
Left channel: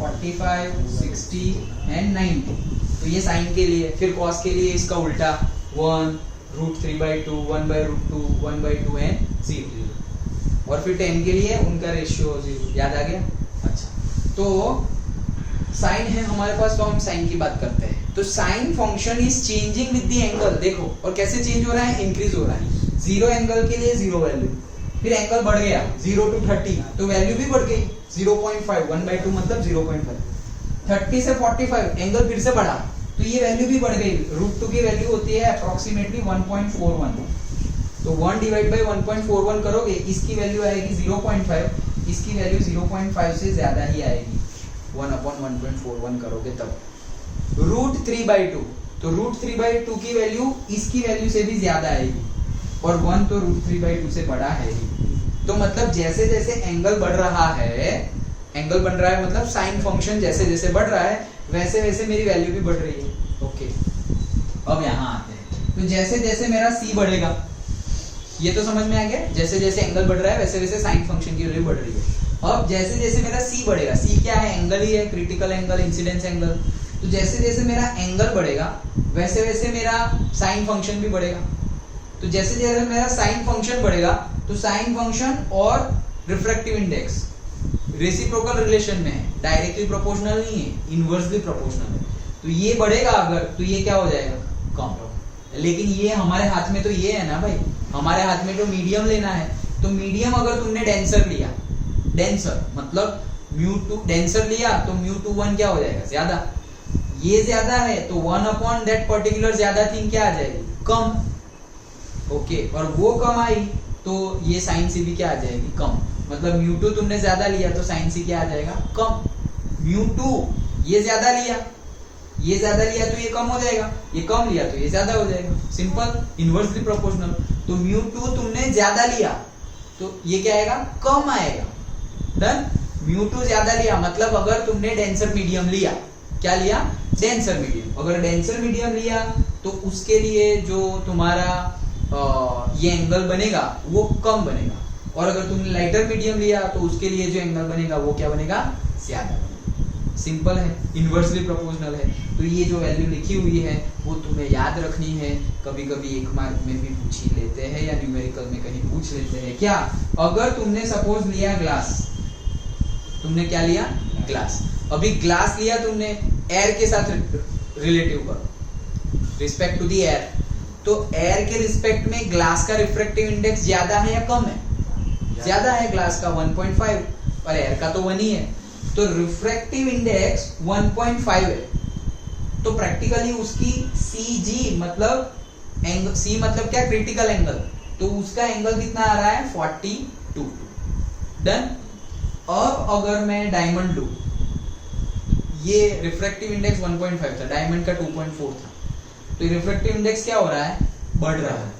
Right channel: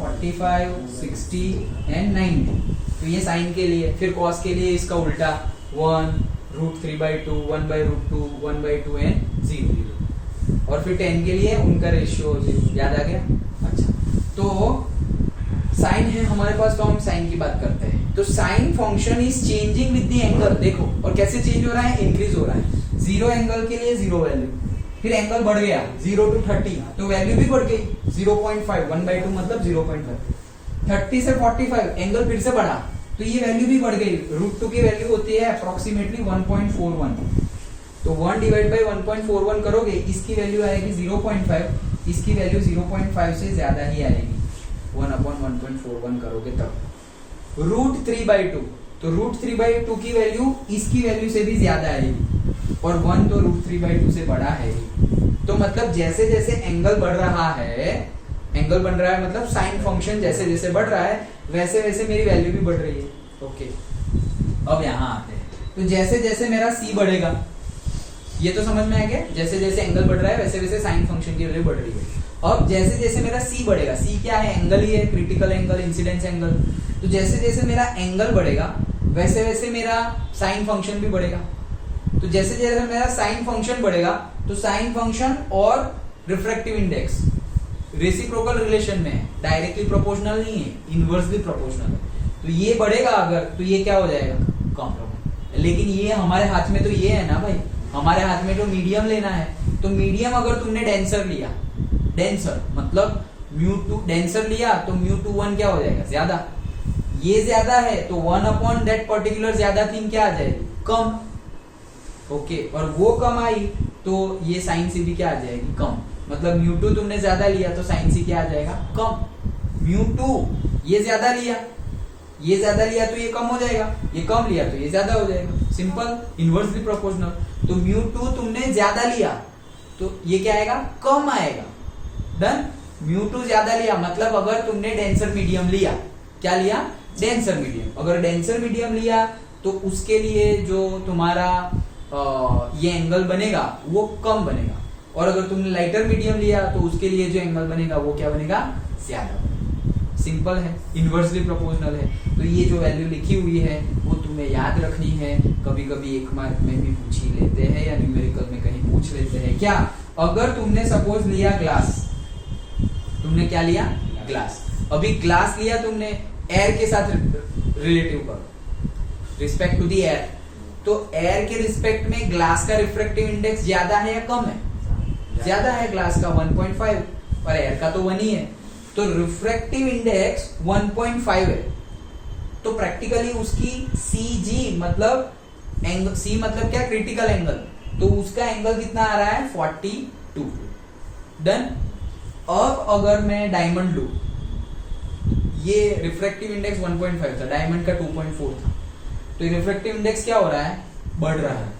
45 60 एंड 90, तो ये साइन के लिए। फिर कॉस के लिए इसका उल्टा 1 √3/2 1/√2 1/2 एंड 0, और फिर 10 के लिए उनका रेशियो 0। याद आ गया? अच्छा, तो साइन है हमारे पास, तो हम साइन की बात करते हैं। तो sine function is changing with the angle. देखो, और कैसे चेंज हो रहा है? इंक्रीज हो रहा है। 0 एंगल के लिए 0 वैल्यू, फिर एंगल बढ़ गया 0 to 30 तो वैल्यू भी बढ़ गई 0.5, 1/2 मतलब 0.5। 30 से 45 एंगल फिर से बढ़ा तो ये वैल्यू भी बढ़ गई। √2 की वैल्यू होती है अप्रोक्सीमेटली 1.41, तो 1 डिवाइड बाई 1.41 करोगे, इसकी वैल्यू आएगी 0.5, इसकी वैल्यू 0.5 से ज्यादा ही आएगी। 1/1.41 करोगे तब। √3/2, तो √3/2 की वैल्यू इसकी वैल्यू से भी ज्यादा आएगी, और 1 तो √3/2 से बड़ा है ही। तो मतलब जैसे जैसे एंगल बढ़ रहा है, एंगल बन रहा है मतलब साइन फंक्शन जैसे जैसे बढ़ रहा है वैसे वैसे मेरी वैल्यू भी बढ़ रही है। ओके, अब यहाँ आते हैं। तो जैसे जैसे मेरा c बढ़ेगा, ये तो समझ में आ गया, जैसे जैसे एंगल बढ़ रहा है वैसे वैसे साइन फंक्शन की वैल्यू बढ़ रही है। अब जैसे जैसे मेरा c बढ़ेगा, c क्या है? एंगल ही है, क्रिटिकल एंगल, इंसिडेंस एंगल। तो जैसे जैसे मेरा एंगल बढ़ेगा वैसे वैसे मेरा साइन फंक्शन भी बढ़ेगा। तो जैसे जैसे मेरा साइन फंक्शन बढ़ेगा तो साइन फंक्शन और रिफ्रैक्टिव इंडेक्स रेसिप्रोकल रिलेशन में है, डायरेक्टली प्रोपोर्शनल नहीं है, इनवर्सली प्रोपोर्शनल है। तो ये बढ़ेगा अगर, तो ये क्या हो जाएगा? कम होगा। लेकिन ये हमारे हाथ में तो ये है ना भाई, हमारे हाथ में तो मीडियम लेना है। तो मीडियम अगर तुमने डेंसर लिया, डेंसर मतलब म्यू टू डेंसर लिया तो म्यू टू 1 क्या हो जाएगा, ज्यादा। ये ज्यादा है तो 1 अपॉन दैट पर्टिकुलर ज्यादा थिंग क्या आ जाएगी, कम। ओके, और वो कम आई तो ये साइन सी भी क्या आ जाएगी, कम। मतलब म्यू टू तुमने ज्यादा लिया तो साइन सी क्या आ जाएगा, कम। म्यू टू ये ज्यादा लिया, ये ज्यादा लिया तो ये कम हो जाएगा, ये कम लिया तो ये ज्यादा हो जाएगा। Simple, inversely proportional. तो म्यू टू तुमने ज्यादा लिया तो ये क्या आएगा, कम आएगा। डन। म्यू टू ज्यादा लिया मतलब अगर तुमने डेंसर मीडियम लिया, क्या लिया, डेंसर मीडियम। अगर डेंसर मीडियम लिया तो उसके लिए जो तुम्हारा ये एंगल बनेगा वो कम बनेगा, और अगर तुमने लाइटर मीडियम लिया तो उसके लिए जो एंगल बनेगा वो क्या बनेगा, ज्यादा बनेगा। सिंपल है, इनवर्सली प्रोपोर्शनल है। तो ये जो वैल्यू लिखी हुई है वो तुम्हें याद रखनी है। कभी कभी 1 मार्क में भी पूछ ही लेते हैं या न्यूमेरिकल में कहीं पूछ लेते हैं। क्या, अगर तुमने सपोज लिया ग्लास, तुमने क्या लिया, ग्लास। अभी ग्लास लिया तुमने, एयर के साथ रिलेटिव करो, रिस्पेक्ट टू दी एयर। तो एयर के रिस्पेक्ट में ग्लास का रिफ्रैक्टिव इंडेक्स ज्यादा है या कम है, ज्यादा है। ग्लास का 1.5 और एयर का तो 1 ही है। तो रिफ्रैक्टिव इंडेक्स 1.5 है, तो प्रैक्टिकली उसकी CG मतलब एंगल, C मतलब क्या, क्रिटिकल एंगल, तो उसका एंगल कितना आ रहा है, 42। डन। अब अगर मैं डायमंड लूं, ये रिफ्रैक्टिव इंडेक्स 1.5 था, डायमंड का 2.4 था, तो रिफ्रैक्टिव इंडेक्स क्या हो रहा है, बढ़ रहा है।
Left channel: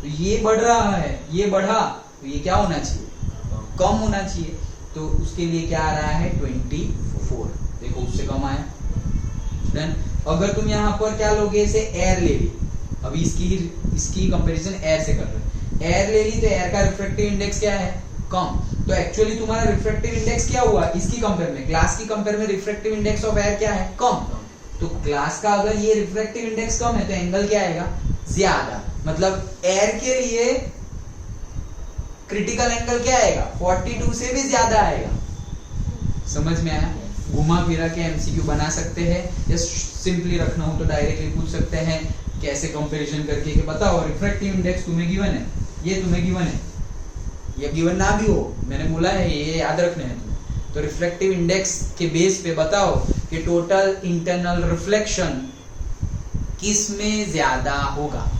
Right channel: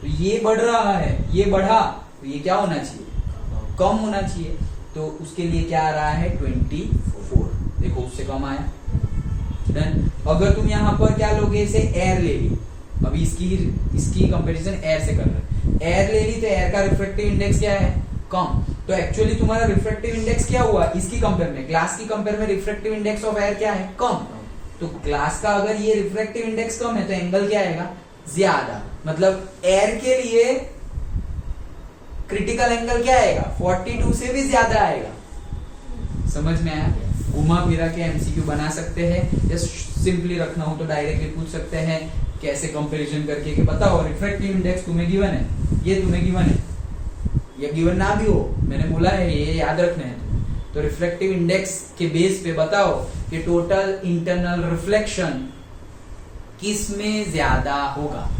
तो ये बढ़ रहा है, ये बढ़ा तो ये क्या होना चाहिए, कम होना चाहिए। तो उसके लिए क्या आ रहा है, 24। देखो उससे कम आया। डन। अगर तुम यहाँ पर क्या लोगे, इसे एयर ले ली, अभी इसकी कंपैरिजन एयर से कर रहे, एयर ले ली तो एयर का रिफ्रैक्टिव इंडेक्स क्या है, कम। तो एक्चुअली तुम्हारा रिफ्रैक्टिव इंडेक्स क्या हुआ, इसकी कंपेयर में, ग्लास की कंपेयर में रिफ्रैक्टिव इंडेक्स ऑफ एयर क्या है, कम। तो ग्लास का अगर ये रिफ्रैक्टिव इंडेक्स कम है तो एंगल क्या आएगा, ज्यादा। मतलब एयर के लिए क्रिटिकल एंगल क्या आएगा, 42 से भी ज्यादा आएगा। समझ में आया। घुमा फिरा के एमसीक्यू बना सकते हैं, या सिंपली रखना हो तो डायरेक्टली पूछ सकते हैं कैसे कंपैरिजन करके कि बताओ रिफ्रैक्टिव इंडेक्स तुम्हें गिवन है, ये तुम्हें गिवन है, या गिवन ना भी हो, मैंने बोला है ये याद रखना है तुम्हें। तो रिफ्रैक्टिव इंडेक्स के बेस पे बताओ कि टोटल इंटरनल रिफ्लेक्शन किस में ज्यादा होगा।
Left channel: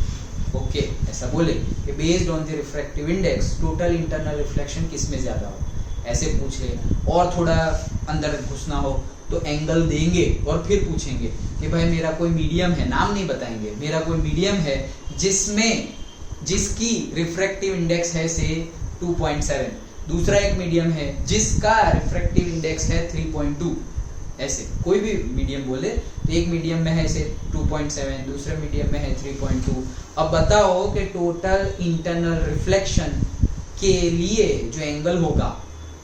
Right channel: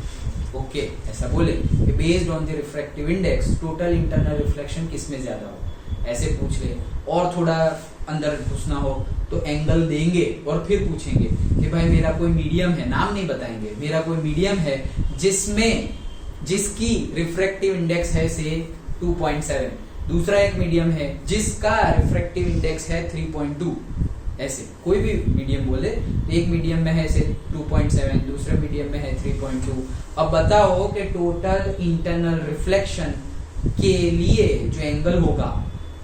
ओके, ऐसा बोले कि based on the refractive index total internal reflection किस में ज्यादा होगा, ऐसे पूछ ले। और थोड़ा अंदर घुसना हो तो एंगल देंगे और फिर पूछेंगे कि भाई मेरा कोई मीडियम है, नाम नहीं बताएंगे, मेरा कोई मीडियम है जिसकी रिफ्रैक्टिव इंडेक्स है से 2.7, दूसरा एक मीडियम है जिसका रिफ्रैक्टिव इंडेक्स है 3.2, ऐसे कोई भी मीडियम बोले तो एक मीडियम में है से 2.7, दूसरे मीडियम में है 3.2। अब बताओ कि टोटल इंटरनल रिफ्लेक्शन के लिए जो एंगल होगा,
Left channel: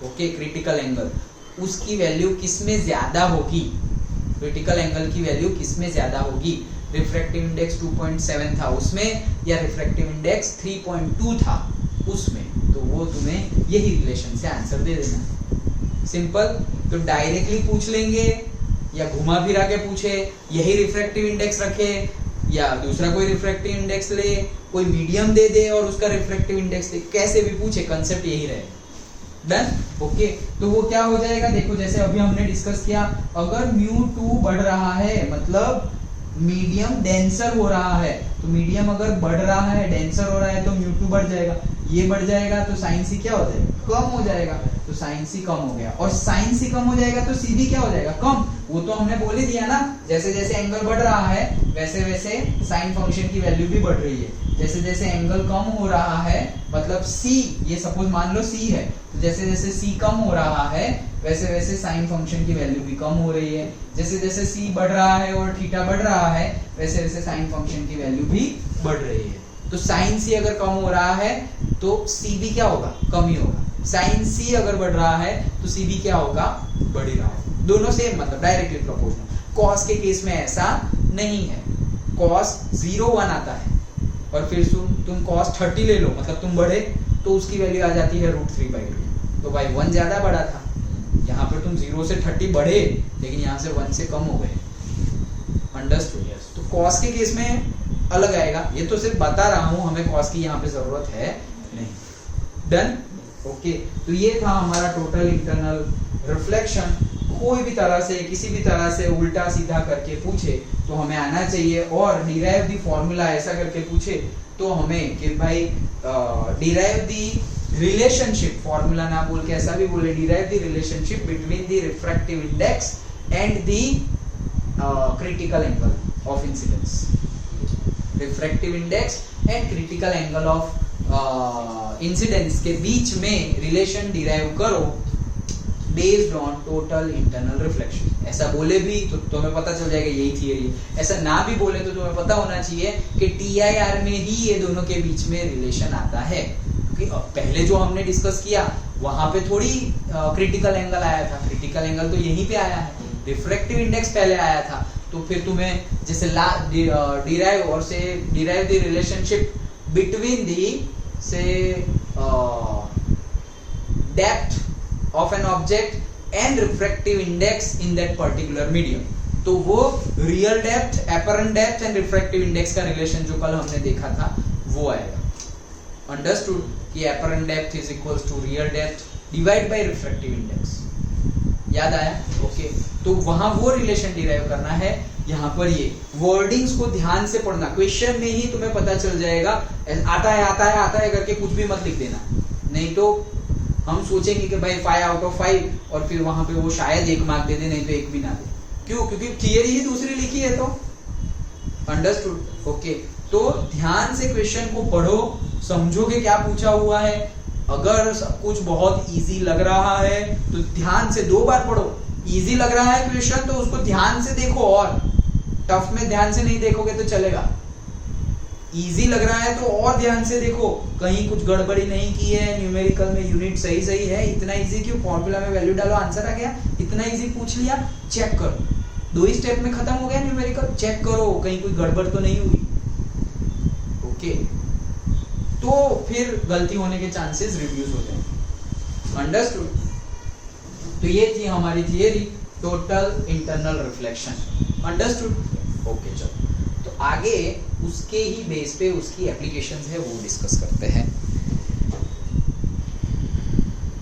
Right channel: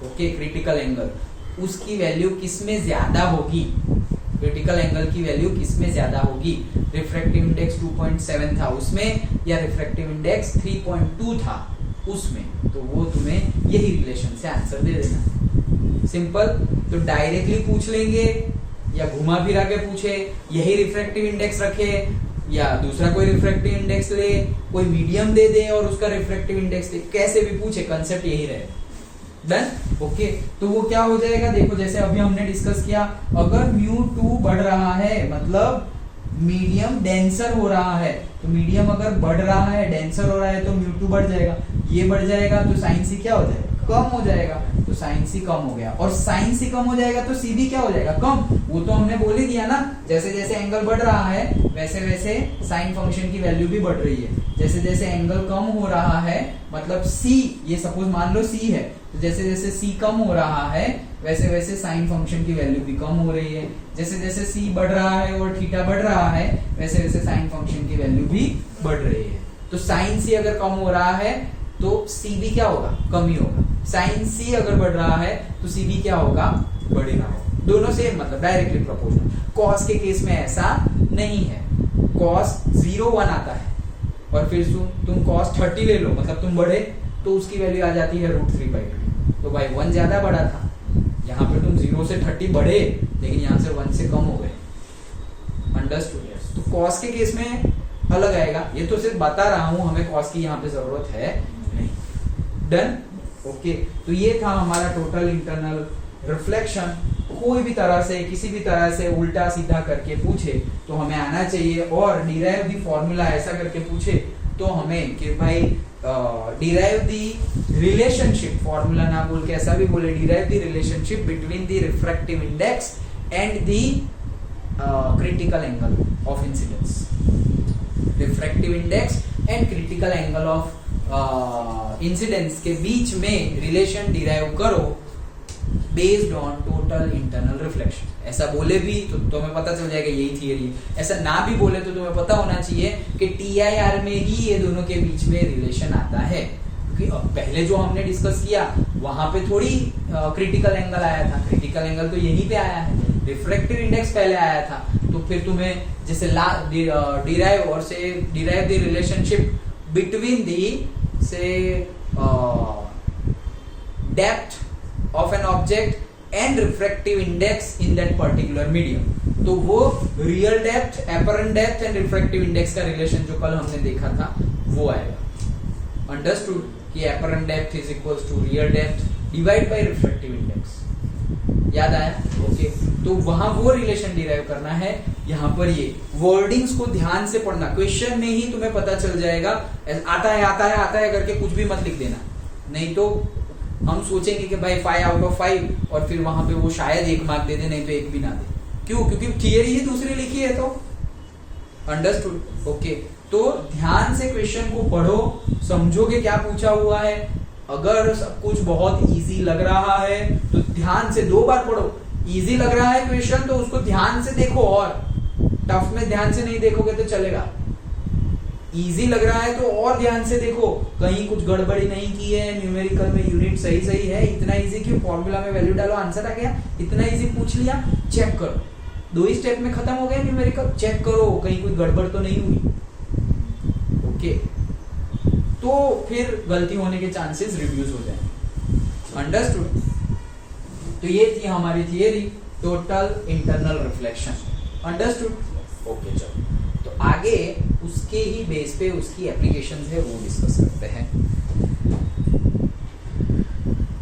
ओके, क्रिटिकल एंगल, उसकी वैल्यू किस में ज्यादा होगी, क्रिटिकल एंगल की वैल्यू किस में ज्यादा होगी, रिफ्रैक्टिव इंडेक्स 2.7 था उसमें या रिफ्रैक्टिव इंडेक्स 3.2 था उसमें। तो वो तुम्हें यही रिलेशन से आंसर दे देना। सिंपल। तो डायरेक्टली पूछ लेंगे या घुमा फिरा के पूछे, यही रिफ्रैक्टिव इंडेक्स रखे या दूसरा कोई रिफ्रैक्टिव इंडेक्स ले, कोई मीडियम दे दे और उसका रिफ्रैक्टिव इंडेक्स दे, कैसे भी पूछे, कंसेप्ट यही रहे। डन। ओके, तो वो क्या हो जाएगा, देखो जैसे अभी हमने डिस्कस किया, अगर μ2 बढ़ रहा है मतलब मीडियम डेंसर हो रहा है, तो मीडियम अगर बढ़ रहा है, डेंसर हो रहा है तो μ2 बढ़ जाएगा, ये बढ़ जाएगा तो साइन सी क्या हो जाएगा, कम हो जाएगा। तो साइन सी कम हो गया, और साइन सी कम हो जाएगा तो सी भी क्या हो जाएगा, कम। वो तो हमने बोल ही दिया ना, जैसे जैसे एंगल बढ़ रहा है वैसे वैसे साइन फंक्शन की वैल्यू भी बढ़ रही है। जैसे जैसे एंगल कम हो रहा है मतलब सी, ये सपोज मान लो सी है, तो जैसे जैसे सी कम हो रहा है वैसे वैसे साइन फंक्शन की वैल्यू भी कम हो रही है। जैसे जैसे सी बढ़ रहा है और थीटा बढ़ रहा है वैसे वैसे साइन फंक्शन की वैल्यू भी बढ़ रही है। तो साइन सी अगर कम हो रहा है तो सी भी क्या होगा, कम ही होगा। साइन सी अगर बढ़ रहा है तो सी भी क्या होगा, बढ़ेगा। दोनों सेम, मतलब डायरेक्टली प्रोपोर्शनल। कॉस के केस में ऐसा नहीं है, कॉस 0-1 आता है और फिर तुम कॉस 30 ले लो, मतलब तुम बढ़े तो उसकी वैल्यू आ जाती है √3/2। तो भाई 1 ज्यादा बढ़ा था, यहाँ पे तुम 0 से 30 बढ़े लेकिन यहाँ से 1 से कम हो गए। अंडरस्टूड। तो कॉस के केस में अलग आएगा, ये तो सिर्फ बता रहा हूं, हमें कॉस की यहाँ पे जरूरत है नहीं। डन। ओके, तो ये था हमारा टोटल इंटरनल रिफ्लेक्शन कोई भी तरह से किसी भी तरह से उल्टा सीधा करके पूछे तो हमें आना चाहिए, और डिराइव द फॉर्मूला ऐसा करके पूछे तो हमें कि भाई डिराइव द रिलेशनशिप, फॉर्मूला ना बोल के ऐसा भी बोले, derive the relationship between the refractive index and the critical angle of incidence, refractive index and critical angle of incidence के बीच में रिलेशन डिराइव करो based on total internal reflection. ऐसा बोले भी तो तुम्हें पता चल जाएगा यही थियरी है, ऐसा ना भी बोले तो तुम्हें पता होना चाहिए कि TIR में ही ये दोनों के बीच में रिलेशन आता है, क्योंकि पहले जो हमने डिस्कस किया वहां पे थोड़ी क्रिटिकल एंगल आया था, क्रिटिकल एंगल तो यहीं पे आया है, रिफ्रैक्टिव इंडेक्स पहले आया था, तो फिर तुम्हें जैसे डिराइव और से derive the relationship between the से depth of an object and refractive index in that particular medium, तो वो real depth, apparent depth and refractive index का relation जो कल हमने देखा था वो आएगा। Understood कि apparent depth is equals to real depth divide by refractive index, याद आया? ओके, तो वहां वो रिलेशन डिराइव करना है। यहाँ पर ये वर्डिंग्स को ध्यान से पढ़ना, क्वेश्चन में ही तुम्हें पता चल जाएगा, आता है करके कुछ भी मत लिख देना, नहीं तो हम सोचेंगे कि भाई 5 आउट ऑफ 5 और फिर वहां पे वो शायद 1 मार्क दे दे, नहीं तो 1 भी ना दे। क्यों? क्योंकि थियरी ही दूसरी लिखी है तो। अंडरस्टूड? ओके, तो ध्यान से क्वेश्चन को पढ़ो, समझोगे क्या पूछा हुआ है। अगर सब कुछ बहुत इजी लग रहा है तो ध्यान से 2 बार पढ़ो। इजी लग रहा है क्वेश्चन तो उसको ध्यान से देखो, और टफ में ध्यान से नहीं देखोगे तो चलेगा। इजी लग रहा है तो और ध्यान से देखो, कहीं कुछ गड़बड़ी नहीं की है, न्यूमेरिकल में यूनिट सही है, इतना इजी क्यों, फॉर्मूला में वैल्यू डालो आंसर आ गया, इतना इजी पूछ लिया, चेक करो, 2 ही स्टेप में खत्म हो गया न्यूमेरिकल, चेक करो कहीं कोई गड़बड़ तो नहीं हुई। ओके, तो फिर गलती होने के चांसेस रिड्यूस हो जाएंगे। अंडरस्टूड? तो ये थी हमारी theory total internal reflection. Understood? Okay, चलो तो आगे उसके ही बेस पे उसकी एप्लीकेशंस है वो डिस्कस करते हैं।